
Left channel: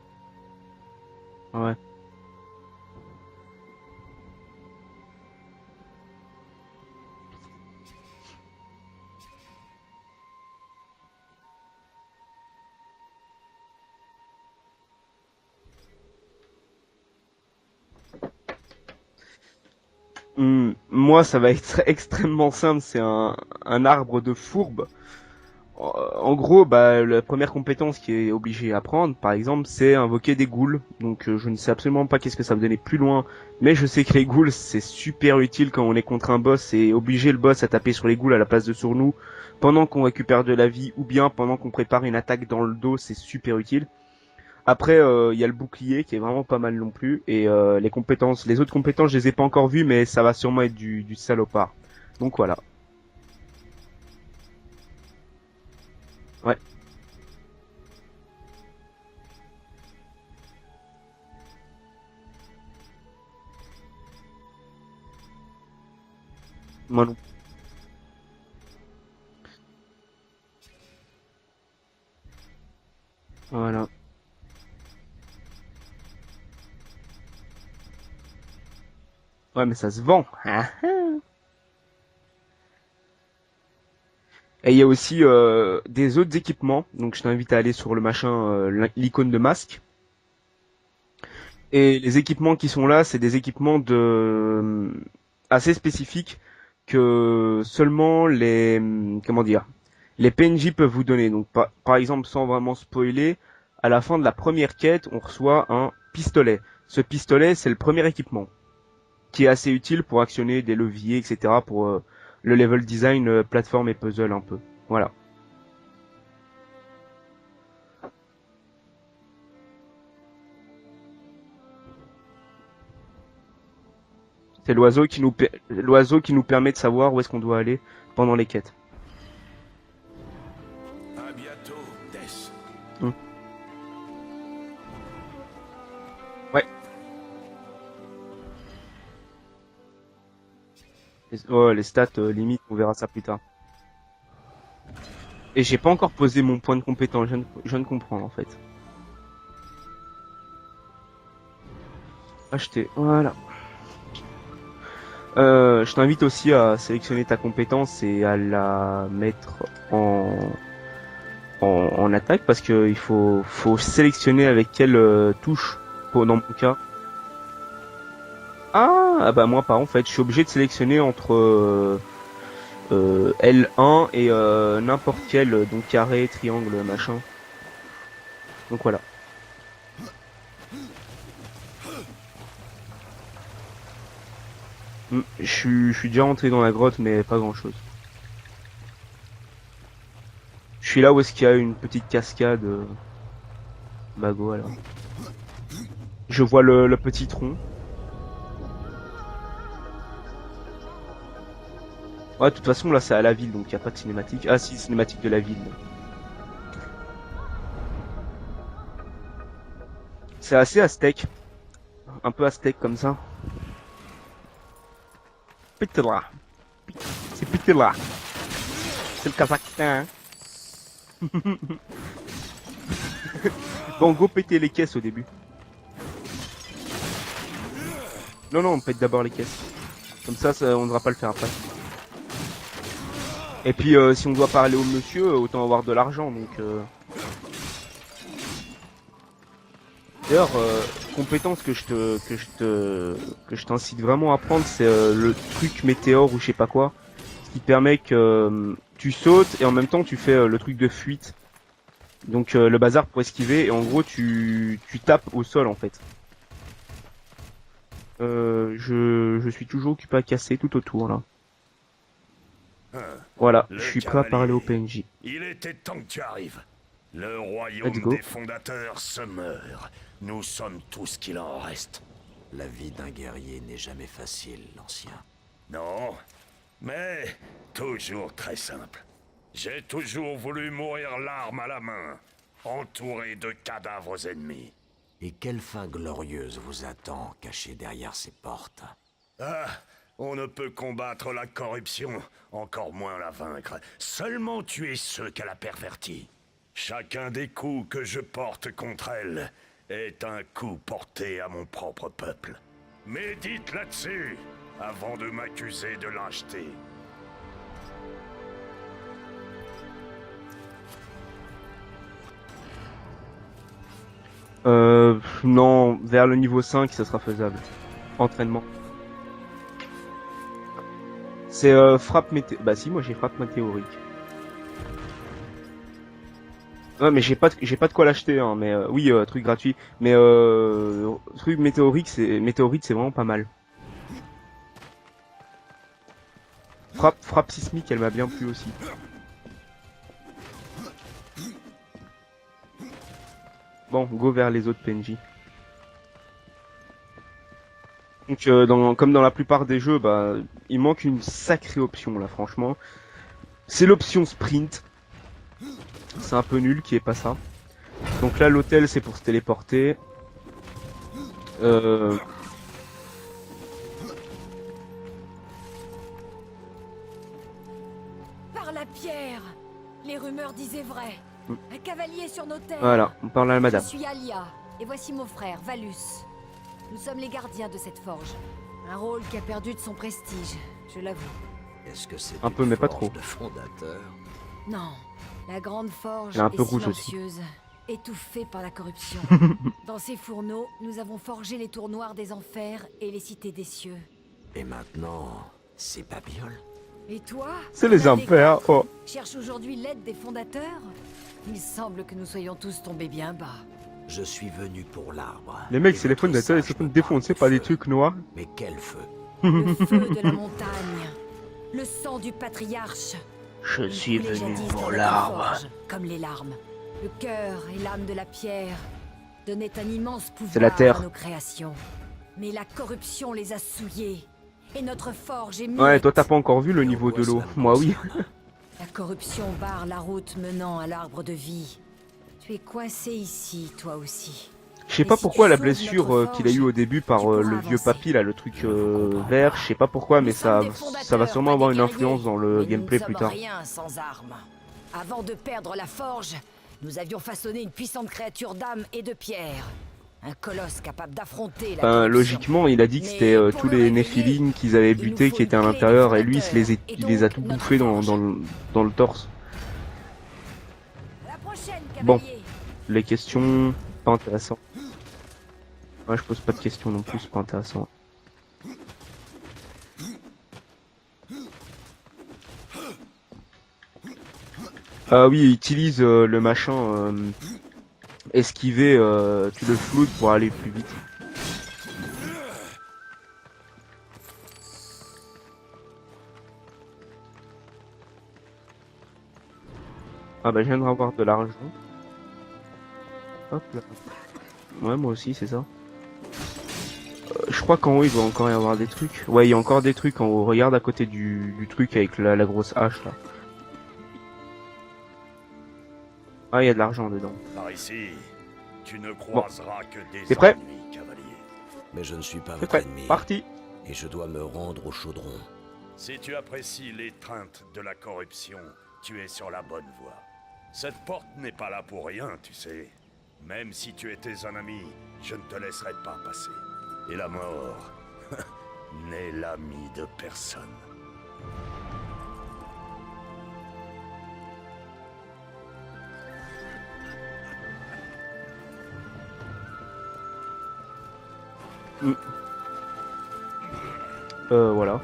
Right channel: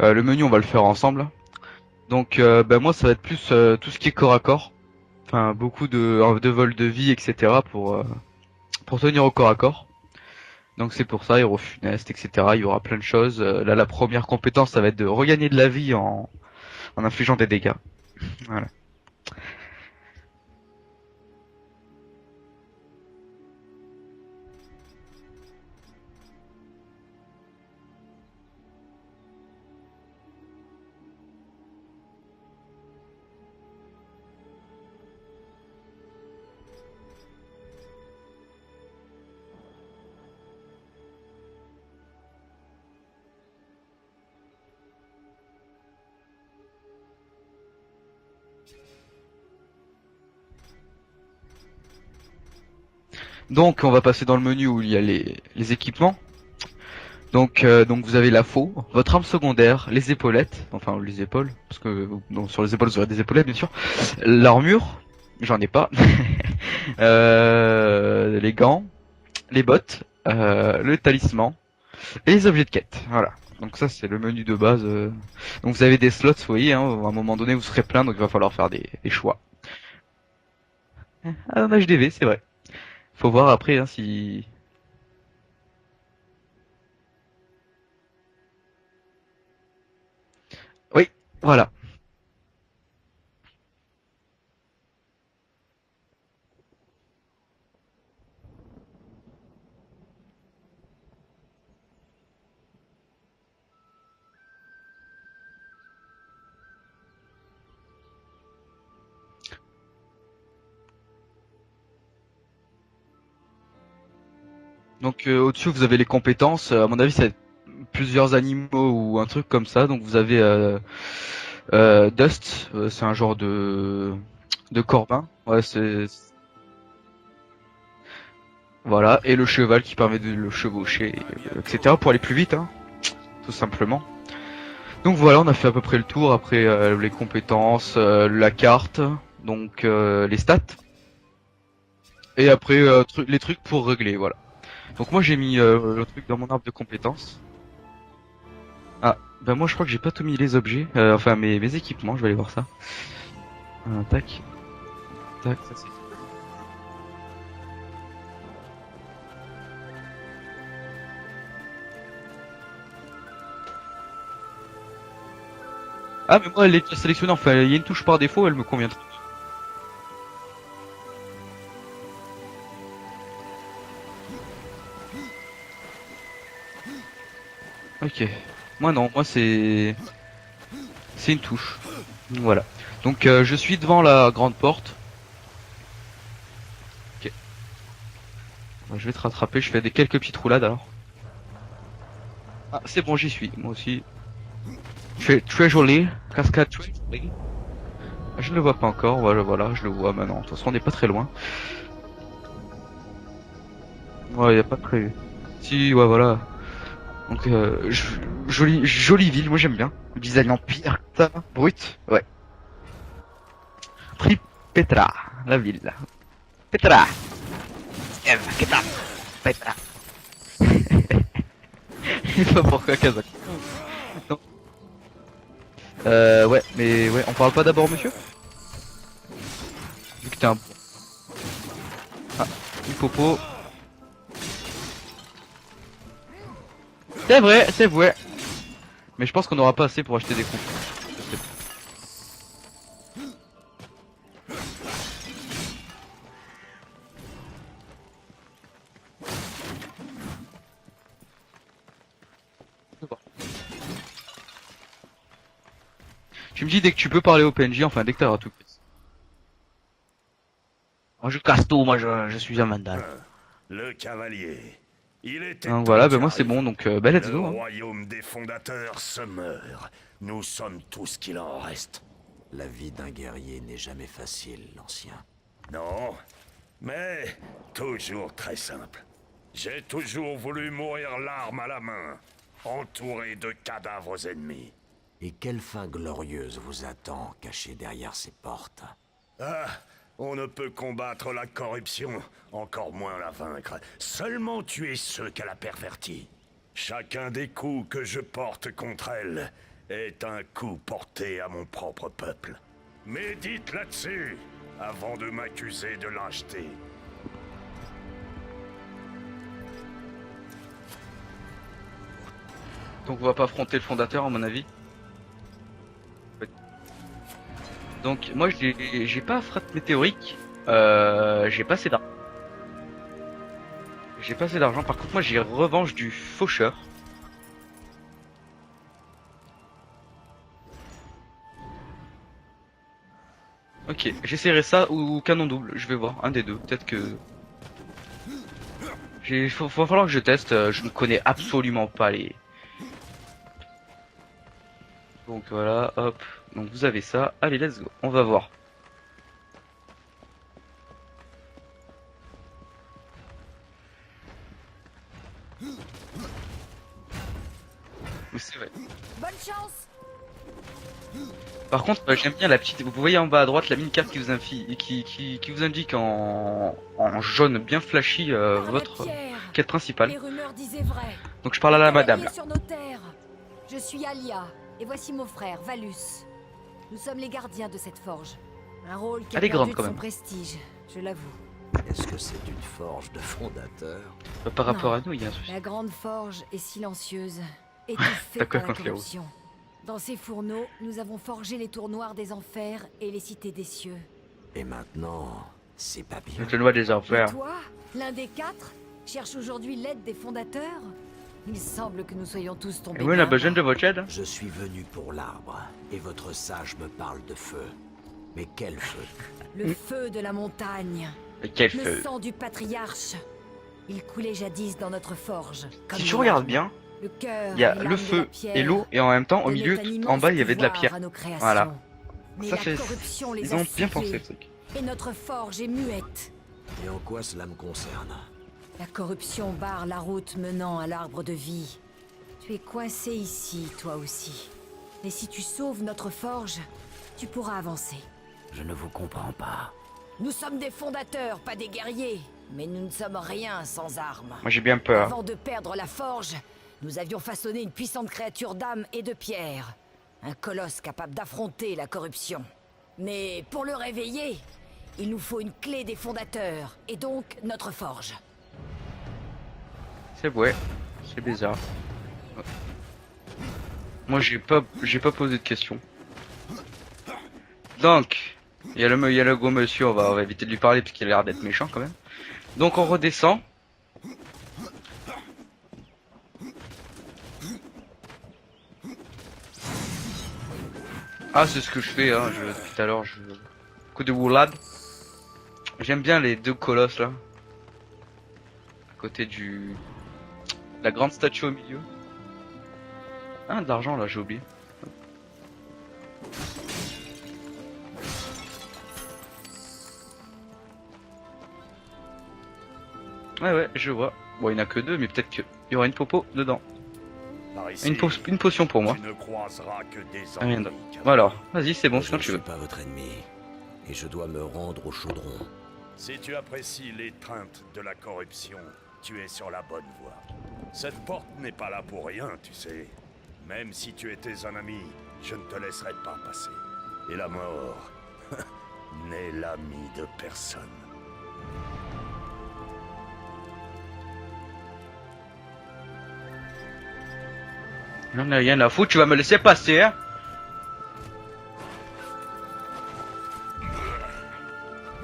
le menu on va le faire ensemble. Ouais. Donc, ben moi ça va être plus tout ce qui est corps à corps, enfin beaucoup de vol de vie, etc. pour tenir au corps à corps. Donc c'est pour ça, héros funeste, etc. Il y aura plein de choses. Là, la première compétence, ça va être de regagner de la vie en infligeant des dégâts. Voilà. Moi, ça va être extrêmement simple. C'est un arbre de fourbe. En gros, bah, la première compétence qui est obligée à prendre, par exemple, c'est invoquer des ghouls. Donc, je ne sais absolument pas qu'est-ce que ça va donner plus loin, mais je sais que les ghouls, c'est super utile quand on est contre un boss et obliger le boss à taper sur les ghouls à la place de sur nous, pendant qu'on récupère de la vie, ou bien pendant qu'on prépare une attaque dans le dos, c'est super utile. Après, il y a le bouclier qui est vraiment pas mal non plus, et les autres compétences, je les ai pas encore vues, mais ça va sûrement être du salopard. Donc voilà. Donc on va passer dans le menu où il y a les équipements. Ouais. Donc vous avez la faux, votre arme secondaire, les épaulettes, enfin les épaules, parce que donc, sur les épaules vous aurez des épaulettes bien sûr. L'armure, j'en ai pas. Ouais. Les gants, les bottes, le talisman et les objets de quête. Voilà. Voilà. Donc ça c'est le menu de base. Donc vous avez des slots, vous voyez, hein, à un moment donné vous serez plein, donc il va falloir faire des choix. Ouais, mais ça se vend. Un HDV, c'est vrai. Faut voir après hein, si. Et il y a aussi des autres équipements, donc je t'invite à aller sur le machin, l'icône de masque. Voilà. Et les équipements qui sont là, c'est des équipements assez spécifiques que seulement les PNJ peuvent vous donner. Donc par exemple, sans vraiment spoiler, à la fin de la première quête, on reçoit un pistolet. Ce pistolet, c'est le premier équipement qui est assez utile pour actionner des leviers, etc. pour le level design, plateforme et puzzle un peu. Voilà. Donc au-dessus vous avez les compétences. À mon avis c'est plusieurs animaux ou un truc comme ça. Donc vous avez Dust, c'est un genre de. C'est de l'oiseau campin. qui nous Ouais, c'est l'oiseau qui nous permet de savoir où est-ce qu'on doit aller pendant les quêtes. Voilà, et le cheval qui permet de le chevaucher, etc. pour aller plus vite, hein, tout simplement. Donc voilà, on a fait à peu près le tour. Après les compétences, la carte, donc les stats, les stats. et après on verra ça plus tard. les trucs pour régler, voilà. Donc moi j'ai mis. Et j'ai pas encore dans posé mon arbre point de compétence. Je viens de comprendre en fait. Bah moi je crois que j'ai pas tout mis les objets, enfin mes équipements, je vais aller voir ça. Acheter. Voilà. Tac. Je t'invite aussi à sélectionner ta compétence et à la mettre en attaque parce que il faut sélectionner avec quelle touche. Pour Ah mais moi elle est déjà sélectionnée, enfin il y a une touche par défaut, elle me convient. Ah bah moi pas en fait, je suis obligé de sélectionner entre L1 et n'importe quel donc carré, triangle, machin. Ok. Donc Moi voilà. non, moi c'est une touche. Voilà. Donc je suis devant la grande porte. Je suis déjà rentré dans la grotte mais Ok. pas grand chose. Je vais te rattraper, je fais quelques petites roulades alors. Je suis là où est-ce qu'il y a une petite cascade. Ah, c'est bon, j'y suis. Moi aussi. Bah go alors. Très joli. Je vois le petit tronc. Je ne le vois pas encore. Voilà, je le vois maintenant. De toute façon, on n'est pas très loin. Ouais, de toute façon là c'est à la ville donc il y a pas de cinématique. Ouais, Là, y a c'est pas de cinématique de la ville. Si, ouais, voilà. Donc jolie ville, moi j'aime bien. Le design C'est assez aztèque, brut. Ouais. un peu aztèque comme ça. Petra, la ville. Petra. Petra. C'est Petra. C'est le Kazakhstan. Je sais pas pourquoi Kazakh. Bon, go péter les caisses au début. Ouais, mais ouais, on parle pas d'abord monsieur. Non, on paye d'abord les caisses. Comme Putain. ça, on ne devra pas le faire après. Popo. Et puis, si on doit parler au monsieur, autant avoir de l'argent. Donc, C'est vrai, c'est vrai. Mais je pense qu'on aura pas assez pour acheter. d'ailleurs, compétence que je t'incite vraiment à prendre, c'est le truc météore ou je sais pas quoi, qui permet que tu sautes et en même temps tu fais le truc de fuite. Donc le bazar pour esquiver et en gros tu tapes au sol en fait. Tu me dis dès que tu peux parler au PNJ, enfin dès que t'as. Je suis toujours occupé à casser tout autour là. Moi je casse tout, moi je suis un mandal. Voilà, Le je suis prêt à parler au cavalier. PNJ. Il était Donc temps voilà, qu'il ben moi c'est arrive. bon, donc bah let's Le go. royaume Let's go. des fondateurs se meurt. Nous sommes tout ce qu'il en reste. La vie d'un guerrier n'est jamais facile, l'ancien. Non, mais toujours très simple. J'ai toujours voulu mourir l'arme à la main, entouré de cadavres ennemis. Et quelle fin glorieuse vous attend, cachée derrière ces portes? Ah, on ne peut combattre la corruption, encore moins la vaincre. Seulement tuer ceux qu'elle a pervertis. Chacun des coups que je porte contre elle est un coup porté à mon propre peuple. Médite là-dessus, avant de m'accuser de lâcheté. Donc on va pas affronter le fondateur à mon avis. Non, vers le niveau 5 ça sera faisable. Donc moi entraînement. j'ai pas frappe météorique. J'ai C'est pas assez d'ar- frappe météorique. Bah si, moi j'ai frappe météorique. j'ai pas assez d'argent. Par contre moi j'ai revanche du faucheur. Ouais, mais j'ai pas de quoi l'acheter, hein, mais oui, truc gratuit. Mais truc météorique, c'est vraiment pas mal. Ok, j'essaierai ça ou canon double, je vais voir, un des deux, peut-être que... Frappe sismique, elle m'a bien plu aussi. Faut falloir que je teste, je ne connais absolument pas les... Bon, go vers les autres PNJ. Donc voilà, hop, donc vous avez ça, allez let's go, on va voir. Donc, comme dans la plupart des jeux, bah, il manque une sacrée option là, franchement. C'est l'option sprint. C'est un peu nul qui est pas ça. Donc là, l'hôtel, c'est pour se téléporter. Par contre, j'aime bien la petite... Vous voyez en bas à droite la mini-carte qui vous indique en jaune bien flashy Par la votre pierre, quête principale. les rumeurs disaient vrai. Donc je parle à la madame. Cavalier sur nos terres. Voilà, on parle à la madame. Je suis Alia, et voici mon frère, Valus. Nous sommes les gardiens de cette forge. Un rôle qui a Elle est perdu grande, quand de son même. prestige, je l'avoue. Est-ce que c'est Un peu, une mais pas forge trop. de fondateur? Par rapport Non. à nous, il y a un souci. La grande forge Elle est un peu est rouge aussi. silencieuse, étouffée D'accord, par la quand c'est rouge. corruption. Dans ces fourneaux, nous avons forgé les tours noirs des enfers et les cités des cieux. Et maintenant, c'est pas bien. Donc le loi des Et enfers. toi, C'est les l'un des impairs. quatre, Oh. cherche aujourd'hui l'aide des fondateurs? Il semble que nous soyons tous tombés Et vous, on bien a besoin bas. de votre aide. Je suis venu pour l'arbre. Les mecs, Et c'est les votre fondateurs, ils sage se font me défoncer parle par de des feu. trucs noirs. Mais quel feu? Le feu de la montagne, Mais quel le feu. sang du patriarche. Je Il suis coulait venu jadis dans pour notre l'arbre. forge. Comme Si tu les regardes larmes. bien, Le cœur il y a et le l'âme de feu la pierre et l'eau, et en même temps, au donnaient milieu, un en immense bas, il y avait de pouvoir la pierre. à nos créations. Voilà. Mais Ça, la c'est- corruption les Ils a ont bien pensé, le souillés. truc. Et notre forge est Ouais, muette. toi t'as pas encore vu le Et en niveau quoi de l'eau. cela me Moi oui. concerne? La corruption barre la route menant à l'arbre de vie. Tu es coincé ici, toi aussi. Je sais Mais pas si pourquoi tu la sauves blessure notre qu'il a eu forge, au début par tu pourras le vieux avancer. papy là, le truc Je ne vous comprends vert, pas. je sais pas pourquoi, mais Nous sommes des ça va fondateurs, sûrement pas avoir des une guerriers. influence dans le Mais gameplay nous plus ne tard. sommes rien sans armes. Moi j'ai bien peur. Avant de perdre la forge, nous avions façonné une puissante créature d'âme et de pierre. Un colosse capable d'affronter la corruption. Logiquement, il a dit que Mais c'était pour tous le les réveiller, Néphilim qu'ils avaient il nous butés faut qui une étaient à clé des l'intérieur et lui il fondateurs, et il les a donc tout notre bouffés forge. dans le torse. C'est vrai, c'est bizarre. Bon. Les questions, pas Moi intéressant. j'ai pas posé de questions. Moi je pose pas de questions non plus, c'est pas intéressant. Donc, il y a le gros monsieur, on va éviter de lui parler parce qu'il a l'air d'être méchant quand même. Donc on redescend. Ah oui, il utilise le machin esquiver tout le flou pour aller plus vite. Ah c'est ce que je fais hein, tout à l'heure, coup de roulade. J'aime bien les deux colosses là. À côté du... Ah bah je viens de la revoir grande de statue l'argent. au milieu. Ah de l'argent là, j'ai oublié. Ouais, moi aussi, c'est ça. Je crois qu'en haut il doit encore y avoir des trucs. Ouais, il y a encore des trucs en haut. Regarde à côté du truc avec la grosse hache là. Ouais, je vois. Bon, il n'y en a que deux, mais peut-être qu'il y aura une popo dedans. Ah, il y a de l'argent dedans. Par ici, Une potion pour moi. tu ne croiseras que des T'es prêt ennemis. Bon alors, vas-y, c'est bon, je quand ne tu suis veux. pas C'est votre prêt. ennemi. Parti. Et je dois me rendre au chaudron. Si tu apprécies l'étreinte de la corruption, tu es sur la bonne voie. Cette porte n'est pas là pour rien, tu sais. Même si tu étais un ami, je ne te laisserai pas passer. Et la mort, l'ami de personne. J'en ai rien à foutre, tu vas me laisser passer, hein. Voilà.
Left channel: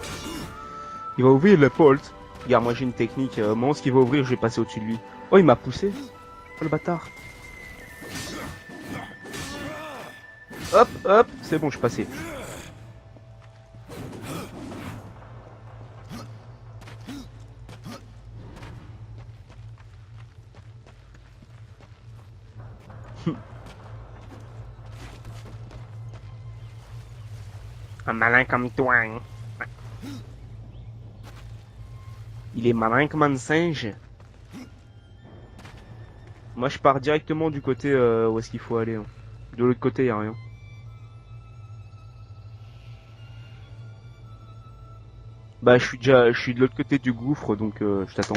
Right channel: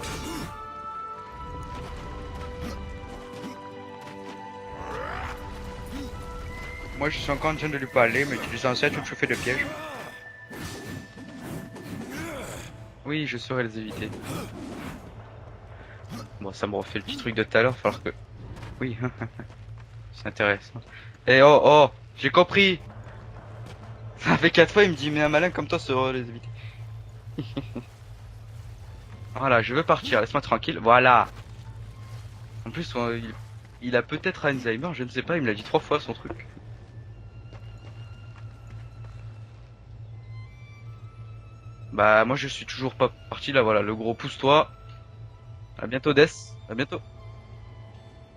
Il va ouvrir la porte. Regarde, moi j'ai une technique. Moi, ce qu'il va ouvrir, je vais passer au-dessus de lui. Oh, il m'a poussé. Oh, le bâtard. Moi je suis encore en train de lui parler, mais je suis censé être chauffé de piège. Hop, hop, c'est bon, je suis passé. Oui, je saurais les éviter. Bon, ça me refait le petit truc de tout à l'heure, falloir que... Oui, c'est intéressant. Eh oh, oh, j'ai compris. Ça fait 4 fois, il me dit, mais un malin comme toi saurait les éviter. Un malin comme toi. Hein. Voilà, je veux partir, laisse-moi tranquille, voilà. Il est malin comme un singe. Il a peut-être Alzheimer, je ne sais pas, il me l'a dit 3 fois son truc. Moi, je pars directement du côté où est-ce qu'il faut aller. Hein. De l'autre côté, y a rien. Bah, moi je suis toujours pas parti là, voilà, le gros pousse-toi. Bah, bientôt, je Death. suis de l'autre À côté bientôt. du gouffre, donc je t'attends.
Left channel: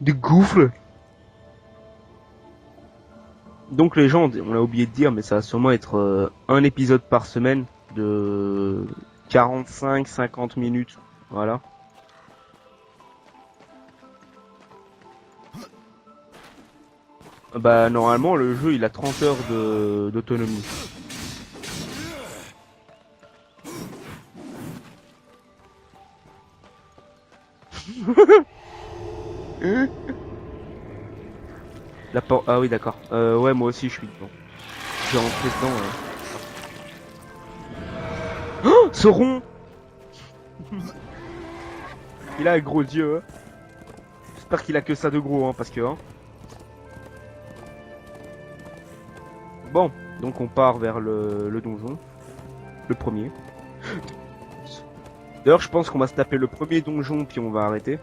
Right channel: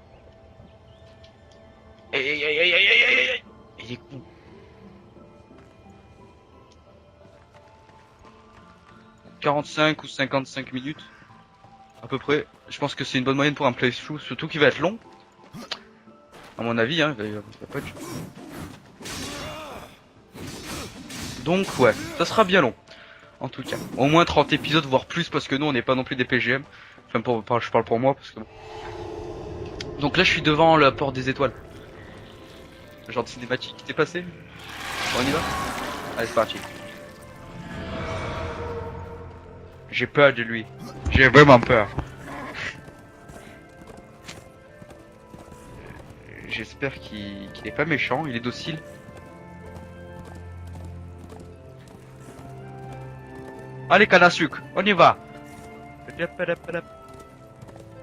Du gouffre. Donc les gens, on a oublié de dire, mais ça va sûrement être un épisode par semaine de 45, 50 minutes. Voilà. À peu près. Je pense que c'est une bonne moyenne pour un playthrough, surtout qu'il va être long. À mon avis, hein. Bah normalement le jeu il a 30 heures d'autonomie. Donc ouais, ça sera bien long. En tout cas, au moins 30 épisodes, voire plus, parce que nous on n'est pas non plus des PGM. Enfin, je parle pour moi. Donc là, je suis devant la porte des étoiles. La porte. Ah oui d'accord. Ouais moi aussi. Je suis passé. Je suis rentré dedans, ouais. Allez, c'est parti. Oh, ce rond. J'ai peur de lui. J'ai vraiment peur. Il a un gros dieu. Hein. J'espère qu'il a que ça de gros, hein, parce que. Hein. J'espère qu'il est pas méchant, il est docile. Bon, donc on part vers le donjon. Le premier. Allez, canne à sucre, on y va. D'ailleurs, je pense qu'on va se taper le premier donjon, puis on va arrêter.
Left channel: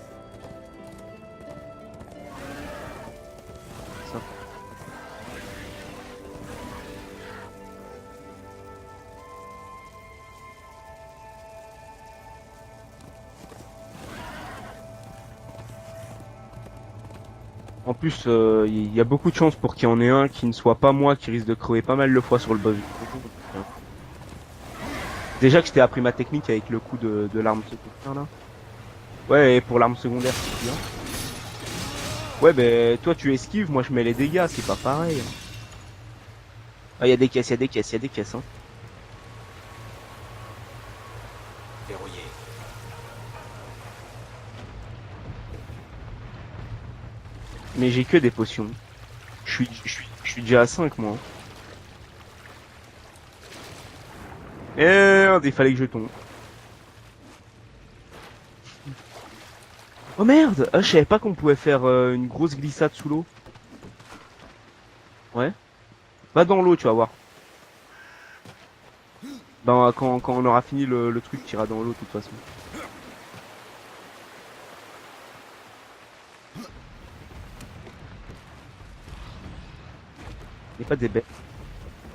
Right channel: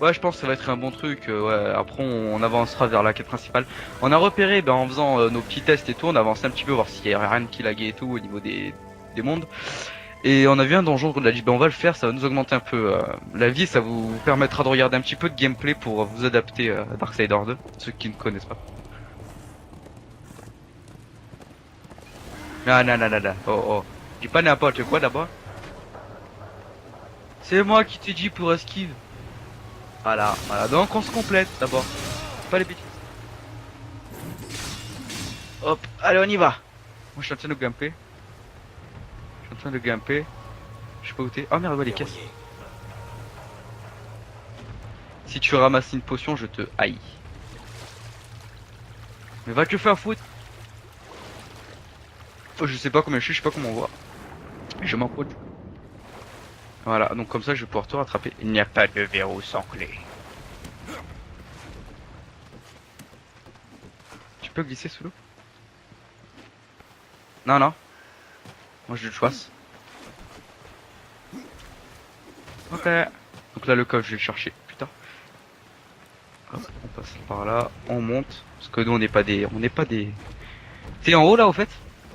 Ouais, je pense que ça va être un bon truc. Ouais, après, on avancera vers la quête principale. On a repéré, en faisant nos petits tests et tout, on a avancé un petit peu, voir s'il y avait rien qui laguait et tout au niveau des mondes. Et on a vu un donjon qu'on a dit, on va le faire, ça va nous augmenter un peu la vie, ça vous permettra de regarder un petit peu de gameplay pour vous adapter à Darksiders 2. En plus, il y a beaucoup de chances pour qu'il y en ait un qui ne soit pas moi qui risque de crever pas mal de fois sur le boss. Non. Oh. Dis pas n'importe quoi d'abord. Déjà que je t'ai appris ma technique avec le coup de l'arme. C'est moi qui t'ai dit pour esquive. Ouais, et pour l'arme secondaire. Voilà, donc on se complète d'abord. Ouais, mais toi tu esquives, moi je mets les dégâts, c'est pas pareil. Hop, allez, on y va. Ah, il y a des Je caisses, il y a suis en des train de caisses, il y a des caisses. Hein. En train de grimper. Je sais pas où t'es. Oh merde, ouais, les caisses. Verrouillé. Si tu ramasses une potion, je te haïs. Mais j'ai que des potions. Va te faire foutre. Je suis déjà à 5 moi. Oh, je sais pas combien je sais pas comment on voit. Merde, il fallait que je tombe. Voilà, donc comme ça je vais pouvoir te rattraper. Il n'y a pas de verrou sans clé. Oh merde, ah, je savais pas qu'on pouvait faire une grosse glissade sous l'eau. Tu peux glisser sous l'eau? Va dans l'eau, tu vas voir. Non. Moi je le choisis. Ben, quand on aura fini le truc, tu iras dans l'eau de toute façon. Ok. Donc là le coffre je vais le chercher. Putain. Hop, on passe par là, on monte. Parce que nous on n'est pas des. Y a pas de T'es en haut là au fait?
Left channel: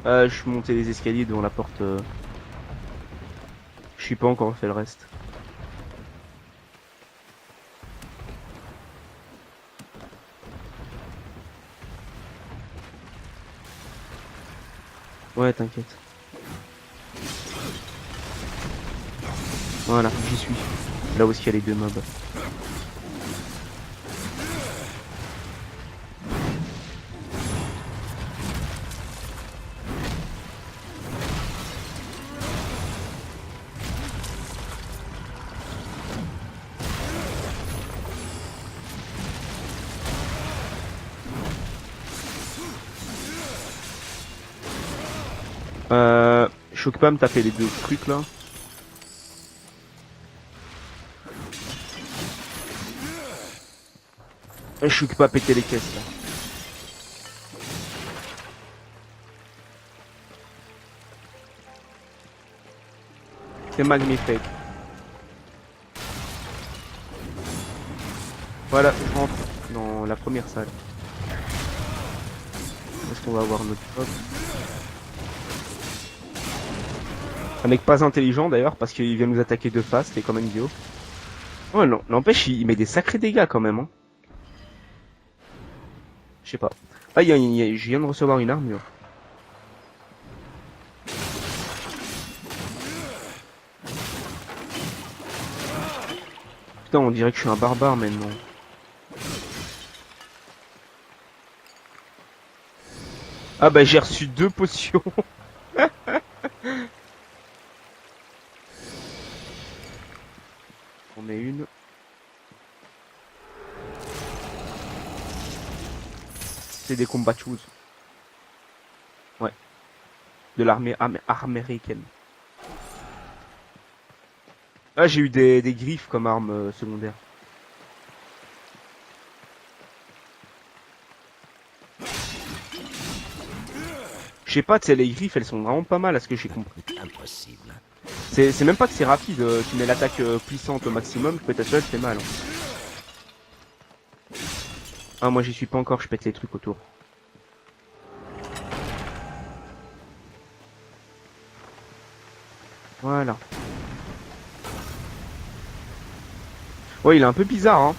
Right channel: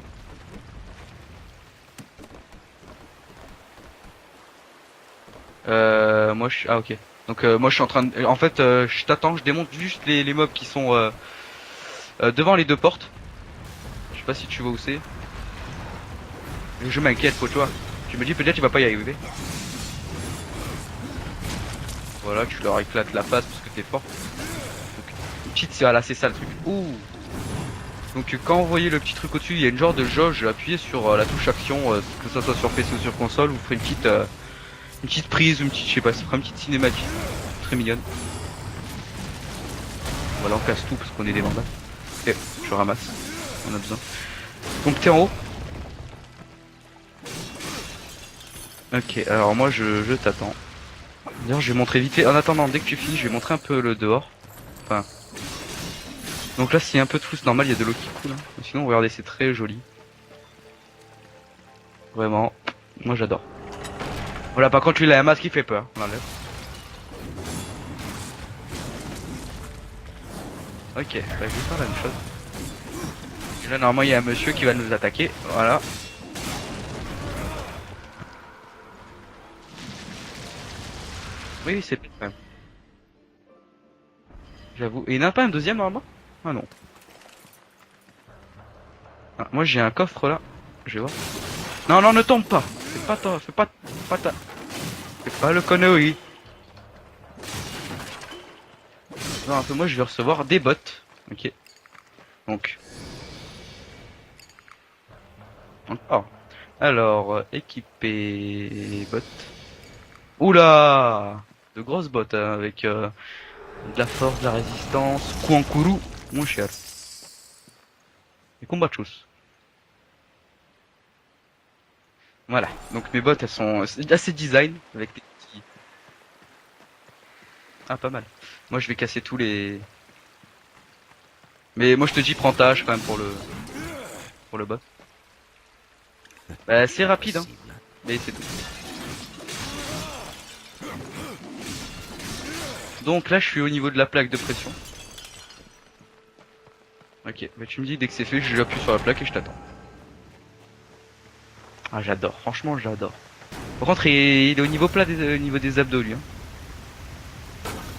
Je suis monté les escaliers devant la porte. Je suis pas encore fait le reste. Moi je suis. Ah ok. Donc moi je suis en train de. En fait je t'attends, je démonte juste les mobs qui sont devant les deux portes. Je sais pas si tu vois où c'est. Ouais, t'inquiète. Je m'inquiète quoi, tu vois. Je me dis peut-être tu vas pas y arriver. Voilà, j'y suis. Là où est-ce qu'il y a les deux mobs. Voilà, tu leur éclates la patte des portes. Petite, c'est voilà, c'est sale. Ouh. Donc quand vous voyez le petit truc au-dessus, il y a une genre de jauge, appuyez sur la touche action, que ça soit sur PC ou sur console, vous ferez une petite prise, une petite, je sais pas, c'est une petite cinématique, très mignonne. Voilà, on casse tout parce qu'on est des mandats. Ok, je ramasse, on a besoin. Donc t'es en haut? Je suis occupé à me taper les deux trucs là. Ok, alors moi je t'attends. D'ailleurs je vais montrer vite fait, en attendant dès que tu finis je vais montrer un peu le dehors. Je suis occupé à péter les caisses. Donc là s'il y a un peu de flou c'est normal, il y a de l'eau qui coule. Sinon regardez c'est très joli. Vraiment, moi j'adore. C'est magnifique. Voilà, par contre, lui, il a un masque qui fait peur. Voilà, rentre dans la première salle. Ok, bah, juste la même chose. Qu'est-ce qu'on va voir Là, normalement, il y a un monsieur qui va nous attaquer. Voilà. Un mec pas intelligent d'ailleurs, parce qu'il vient nous attaquer de face, c'est quand même idiot. Oui, Ouais, c'est- non, n'empêche, il met des sacrés dégâts quand même. Hein. J'avoue. Et il n'y en a pas un deuxième, normalement? Je Ah, sais non. pas. Ah, je viens de recevoir une armure. Ah, moi, j'ai un coffre là. je vais voir. Non, non, ne tombe pas. Fais pas toi, fais pas le connerie. Putain, on dirait que je suis un barbare maintenant. Non, un peu moi, je vais recevoir des bottes. Ok. Donc, Ah bah j'ai reçu 2 potions. encore. Alors, équiper les bottes. Oula! J'en ai une. De grosses bottes hein, avec de la force, de la résistance. Kouankuru, mon cher. C'est des combats choses. Des combats de choses. De l'armée américaine. Voilà. Donc mes bottes, elles sont assez design. Ah, j'ai eu des griffes comme arme secondaire. Ah, pas mal. Moi, je vais casser tous les. Mais moi, je te dis, prends ta hache quand même pour le. Je sais pas, tu sais, les griffes elles sont vraiment pas mal à ce que j'ai compris. Bah, c'est rapide, hein. Mais c'est- C'est même pas que c'est rapide, tu mets l'attaque puissante au maximum, peut-être ça c'est mal. Hein. Donc là, je suis au niveau de la plaque de pression. Ah, moi j'y suis pas encore, je pète les trucs autour. Ok, mais tu me dis dès que c'est fait, je appuie sur la plaque et je t'attends. Ah, j'adore, franchement, j'adore. Voilà. Par contre, il est au niveau plat, au niveau des abdos, lui. Hein. Ouais, il est un peu bizarre, hein.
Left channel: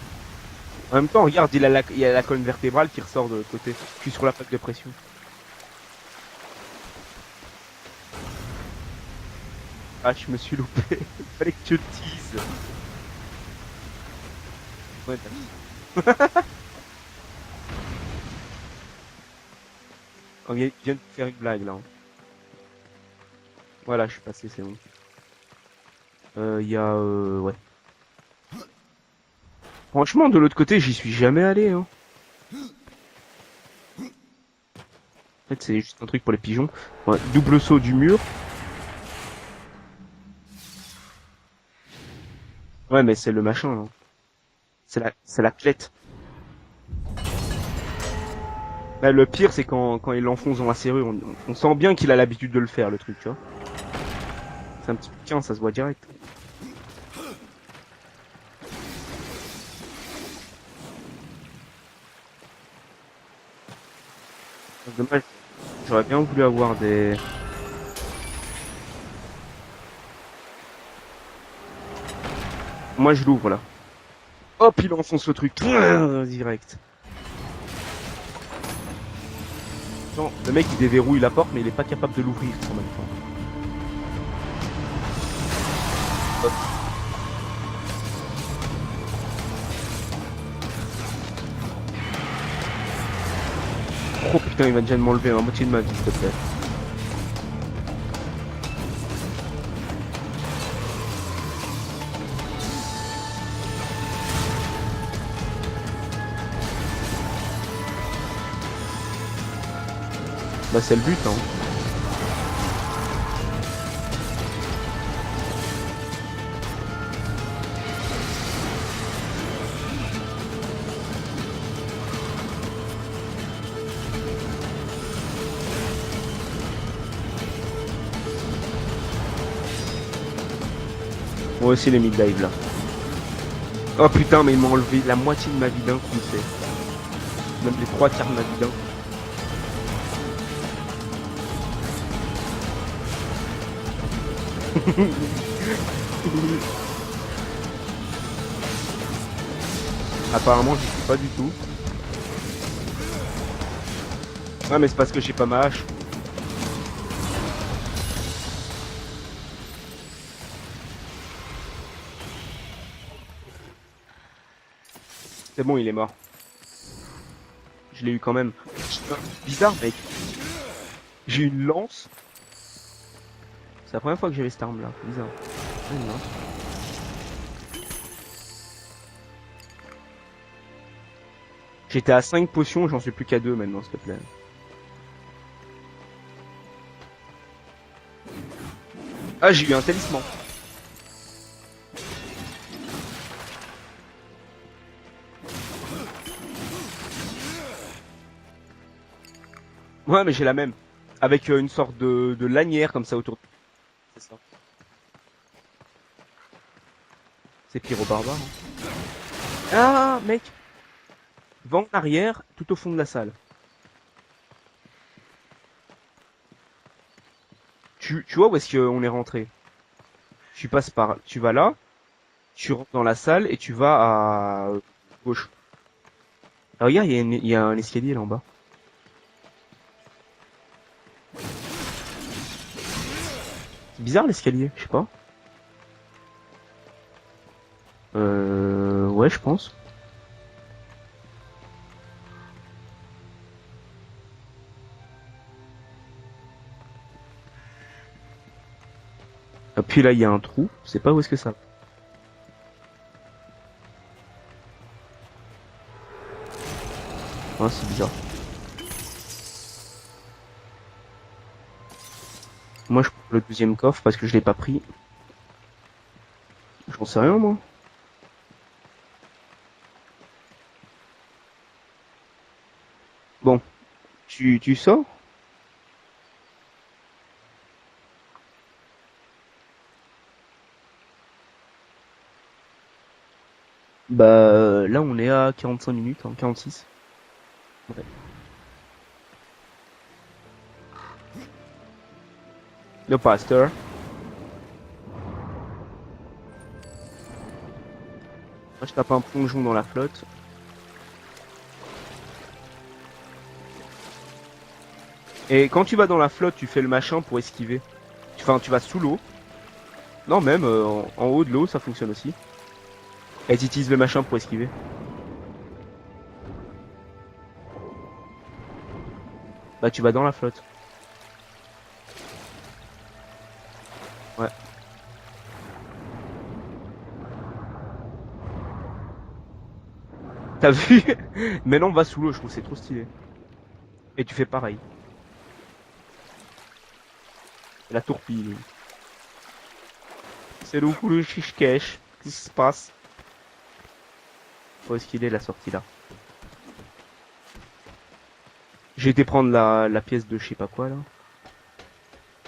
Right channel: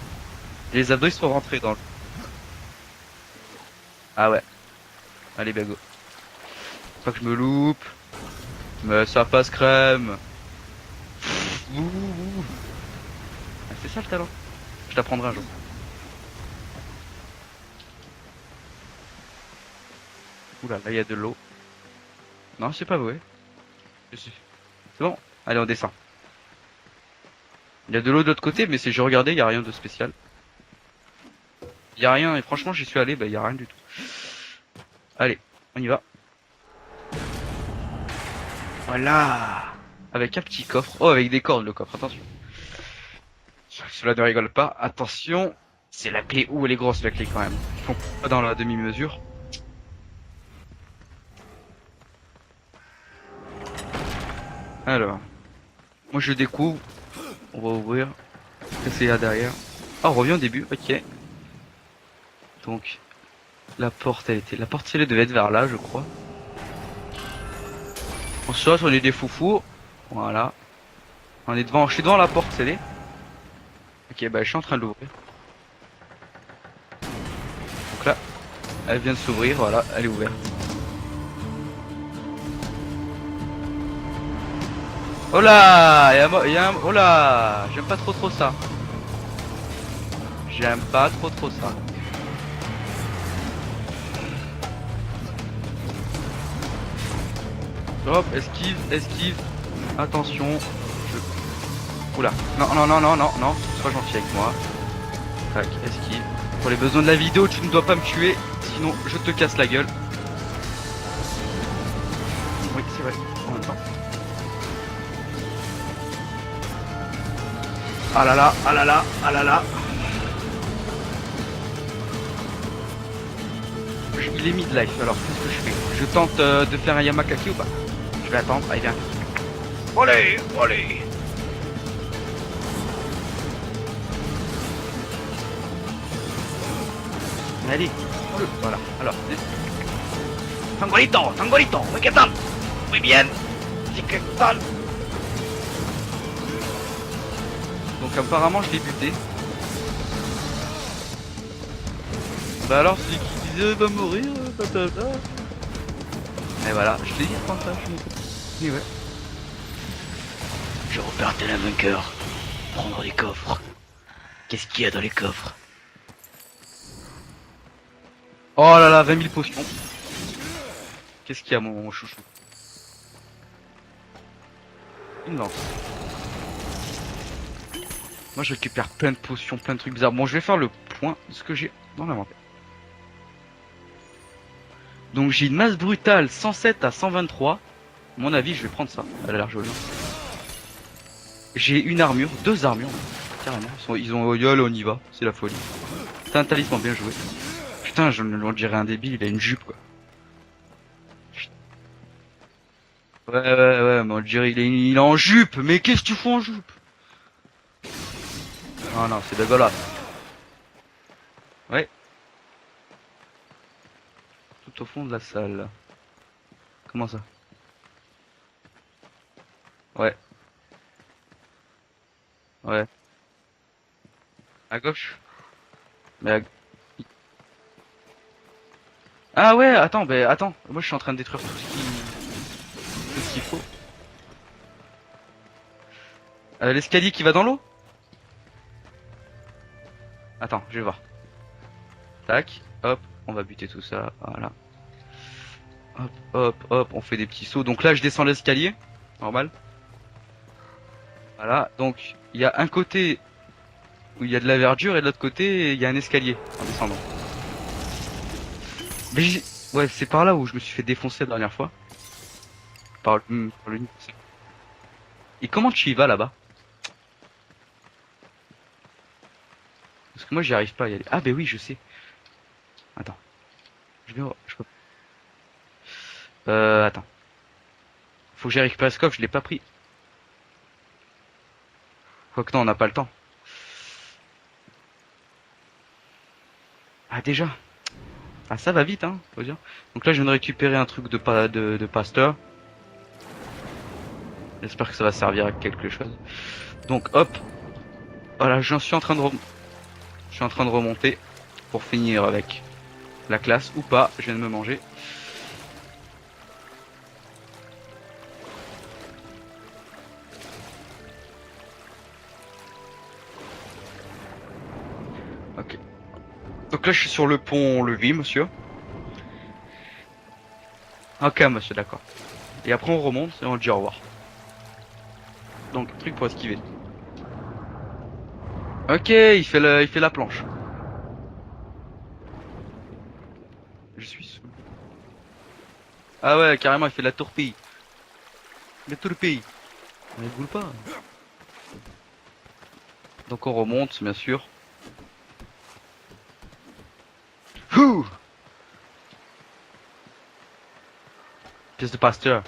Les En abdos, même ils temps, sont regarde, vraiment il y a la colonne vertébrale qui ressort de l'autre côté. Jusqu'à Ah ouais. l'attaque de pression. Allez, bago. Pas que je me loupe. Mais ça passe crème. Ah, je me suis loupé. Fallait que tu le dises. C'est ça le talent. Je t'apprendrai un jour. Ok, Là, il y a de l'eau. Blague là. Non, c'est pas vrai. Voilà, je suis passé, c'est bon. Allez, on descend. Il y a ouais. Il y a de l'eau de l'autre côté, mais si je regardais, il y a rien de spécial. Franchement, de l'autre côté, j'y suis jamais allé. Hein. Il y a rien, et franchement, j'y suis allé, bah, il y a rien du tout. Allez, En fait, c'est On y juste va. un truc pour les pigeons. Ouais, double saut du mur. voilà. Avec un petit coffre. Oh, avec des cordes, le coffre, attention. Ouais, mais c'est le machin. Hein. Cela ne rigole pas, C'est attention. la clette. C'est la clé. Ouh, elle est grosse, la clé, quand même. Pas dans la demi-mesure. Là, le pire, c'est quand il l'enfonce dans la serrure. On sent bien qu'il a l'habitude de le faire, le truc, tu vois. Alors. Tiens, ça se voit direct. Moi, je découvre. On va ouvrir. Qu'est-ce qu'il y a derrière? Ah, on revient au début, ok. Donc, la porte, la porte, elle devait être vers là, je crois. J'aurais bien voulu avoir des... On saute, on est des foufous. Voilà. On est devant, je suis devant la porte, c'est Moi, je l'ouvre, là. Ok, bah je suis en Hop, train de il l'ouvrir. enfonce le truc. Direct. Elle vient de s'ouvrir, voilà, elle est ouverte. Le mec, il déverrouille la porte, mais il est pas capable de l'ouvrir. Oh là, y a un... Oh là, j'aime pas trop ça. J'aime pas trop ça. Oh putain, il va déjà m'enlever la moitié de ma vie, s'il te plaît. Hop, esquive. Attention. Oula, non, c'est pas gentil avec moi. Tac, esquive. Pour les besoins de la vidéo, tu ne dois pas me tuer, sinon je te casse la gueule. Bah, c'est le but, hein. Ah là là, ah là là, ah là là. Il est mid-life alors. Je tente de faire un Yamakaki ou pas? Je vais attendre, allez viens. Allez. Moi aussi, les mid-dive, là. Oh putain, mais ils m'ont enlevé la moitié de ma vie d'un coup, Mais allez, trois quarts de ma vie d'un là. alors, Angolito, ¿qué tal? Muy bien. ¿Qué tal? donc apparemment je l'ai buté. Apparemment, je sais pas du tout. Bah alors, si tu va mourir. Ah, mais c'est parce que j'ai pas ma hache. Mais voilà, je l'ai dit par ça. Oui, ouais. Je repartais la vainqueur. Prendre les coffres. Qu'est-ce qu'il y a dans les coffres? C'est bon, il est mort. Je l'ai eu quand même. Oh là là, 20 000 potions. Bizarre, mec. Qu'est-ce J'ai eu qu'il y a, une mon lance. chouchou? C'est la première fois que j'avais cette arme là. Bizarre. Non. Moi je récupère plein de potions, plein de trucs bizarres. Bon, je vais faire le point de ce que j'ai. J'étais à 5 potions, j'en suis plus qu'à 2 maintenant, s'il te plaît. Donc j'ai une masse brutale 107 à 123. À mon avis, je vais prendre ça. Ah, j'ai eu un talisman. J'ai une armure, 2 armures. Carrément. Ils ont Oyol, on y va. C'est la folie. C'est un talisman bien joué. Putain, on dirait un débile, il a une jupe quoi. Ouais, mais j'ai la même. Avec une sorte de lanière comme ça autour. Ouais, mais on dirait il est en jupe. Mais qu'est-ce que tu fous en jupe? C'est pire au barbare. Ah non, c'est dégueulasse. Ah, mec. Va Ouais. en arrière, tout au fond de la salle. Tout au fond de la salle. Comment ça? Tu vois où est-ce qu'on est rentré? Ouais. Tu passes par... Tu vas là, tu Ouais. rentres dans la salle et tu vas à À gauche? gauche. Mais à- Ah, regarde, il y a un escalier là en bas. Ah ouais, attends, moi je suis en train de détruire. Bizarre l'escalier, je sais pas. L'escalier qui va dans l'eau? Ouais, je pense. Attends, je vais voir. Tac, hop, on va buter tout ça, voilà. Hop, hop, hop, on fait des petits sauts. Donc là, je descends l'escalier, normal. Et puis là, il y a un trou. Je sais pas où est-ce que c'est. Voilà, donc il y a un côté où il y a de la verdure et de l'autre côté, il y a un escalier. Il me semble. Ah, c'est bizarre. Mais ouais, c'est par là où je me suis fait défoncer la dernière fois. Moi, je Ah, prends le deuxième coffre parce que je l'ai pas pris. Et comment tu y vas là-bas? J'en sais rien, moi. Parce que moi, j'y arrive pas à y aller. Ah, ben oui, je sais. Attends. Bon. Je vais voir. Tu sors? Attends. Faut que j'y récupère le coffre, je l'ai pas pris. Quoique non, on n'a pas le temps. Bah, là, on est à 45 minutes, hein, 46. Ah, déjà? Ah, ça va vite, hein, faut dire. Donc là, je viens de récupérer un truc de pasteur. Le pasteur. J'espère que ça va servir à quelque chose. Donc, hop. Voilà, je suis en train de plongeon dans la flotte. Je suis en train de remonter pour finir avec la classe ou pas. Je viens de me manger. Et quand tu vas dans la flotte, tu fais le machin pour esquiver. Enfin, tu vas sous l'eau. Non, même en haut de l'eau, ça fonctionne aussi. Et tu utilises le machin pour esquiver. Ok. Donc là, je suis sur le pont levis, monsieur. Bah, tu vas dans la flotte. Ok, monsieur, d'accord. Et après, on remonte et on dit au revoir. Ouais. Donc, truc pour esquiver. Ok, il fait la planche. T'as vu? Maintenant, on va sous l'eau, je trouve que c'est trop stylé. Je suis... Et tu fais pareil. Ah ouais, carrément, il fait la tourpille. La tourpille. La tourpille. On ne boule pas. C'est le coup le chiche-cache. Qu'est-ce qui se passe? Donc on remonte, bien sûr. Où est-ce qu'il est la sortie là? Ouh, J'ai été prendre la pièce de je sais pas quoi là. pièce de pasteur.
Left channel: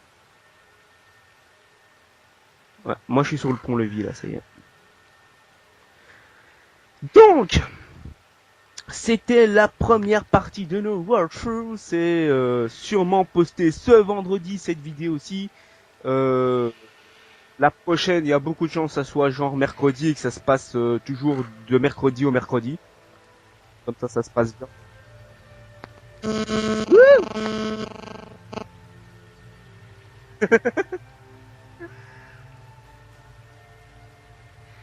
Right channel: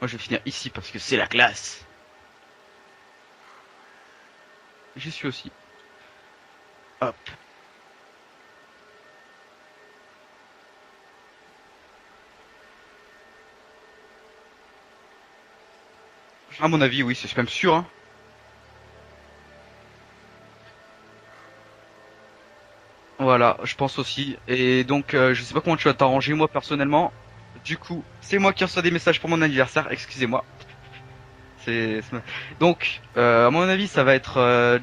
Moi, je vais finir ici parce que c'est la classe. Ouais, moi je suis sur le pont-levis là, ça y est. J'y suis aussi. Donc, c'était la première partie de nos walkthroughs. C'est sûrement posté ce vendredi cette vidéo aussi. À mon avis, oui, c'est même sûr. La Hein. prochaine, il y a beaucoup de chances que ça soit genre mercredi et que ça se passe toujours de mercredi au mercredi. Voilà, je pense Comme ça, ça aussi. se passe Et donc, je sais pas comment tu vas t'arranger, moi personnellement. Du coup, c'est moi qui reçois des messages pour mon anniversaire. Excusez-moi. Donc, à mon avis, ça va être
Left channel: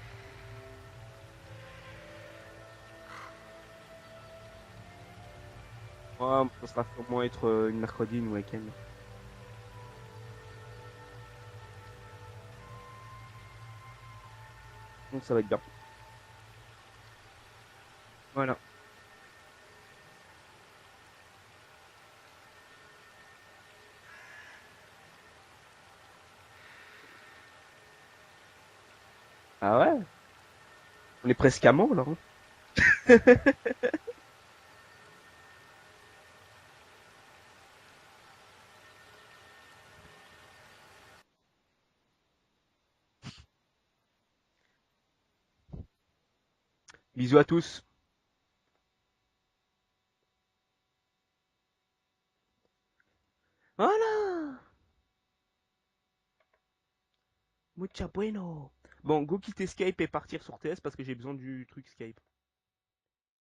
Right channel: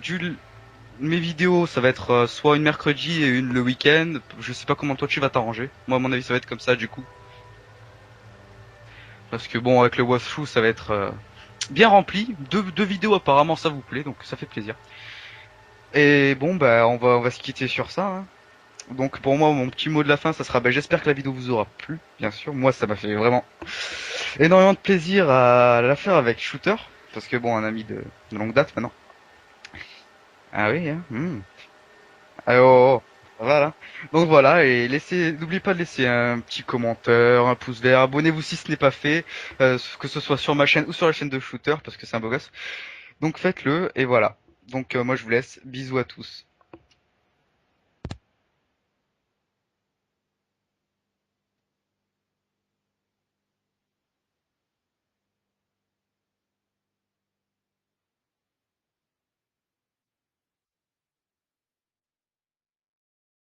mes vidéos, ça va être soit une mercredi et une le week-end. Je sais pas comment toi tu vas t'arranger. Moi, à mon avis, ça va être comme ça du coup. Moi être une mercredi, une week-end. Parce que bon, avec le walkthrough, ça va être bien rempli. Deux vidéos apparemment, ça vous plaît, donc ça fait plaisir. Donc ça va être bien. Et bon, bah, on va se quitter sur ça. Hein. Voilà. Donc pour moi, mon petit mot de la fin, ça sera, bah, j'espère que la vidéo vous aura plu, bien sûr. Moi, ça m'a fait vraiment énormément de plaisir à la faire avec Shooter, parce que bon, un ami de longue date maintenant. Ah ouais. Ah oui, hein. On est presque amants là. Hein. Ah, oh, oh. Voilà. Donc voilà, et n'oubliez pas de laisser un petit commentaire, un pouce vert, abonnez-vous si ce n'est pas fait, que ce soit sur ma chaîne ou sur la chaîne de Shooter, parce que c'est un beau gosse. Donc faites-le, et voilà. Donc moi je vous laisse, bisous à tous. Bisous à tous. Voilà. Mucha bueno. Bon, go quitter Skype et partir sur TS parce que j'ai besoin du truc Skype.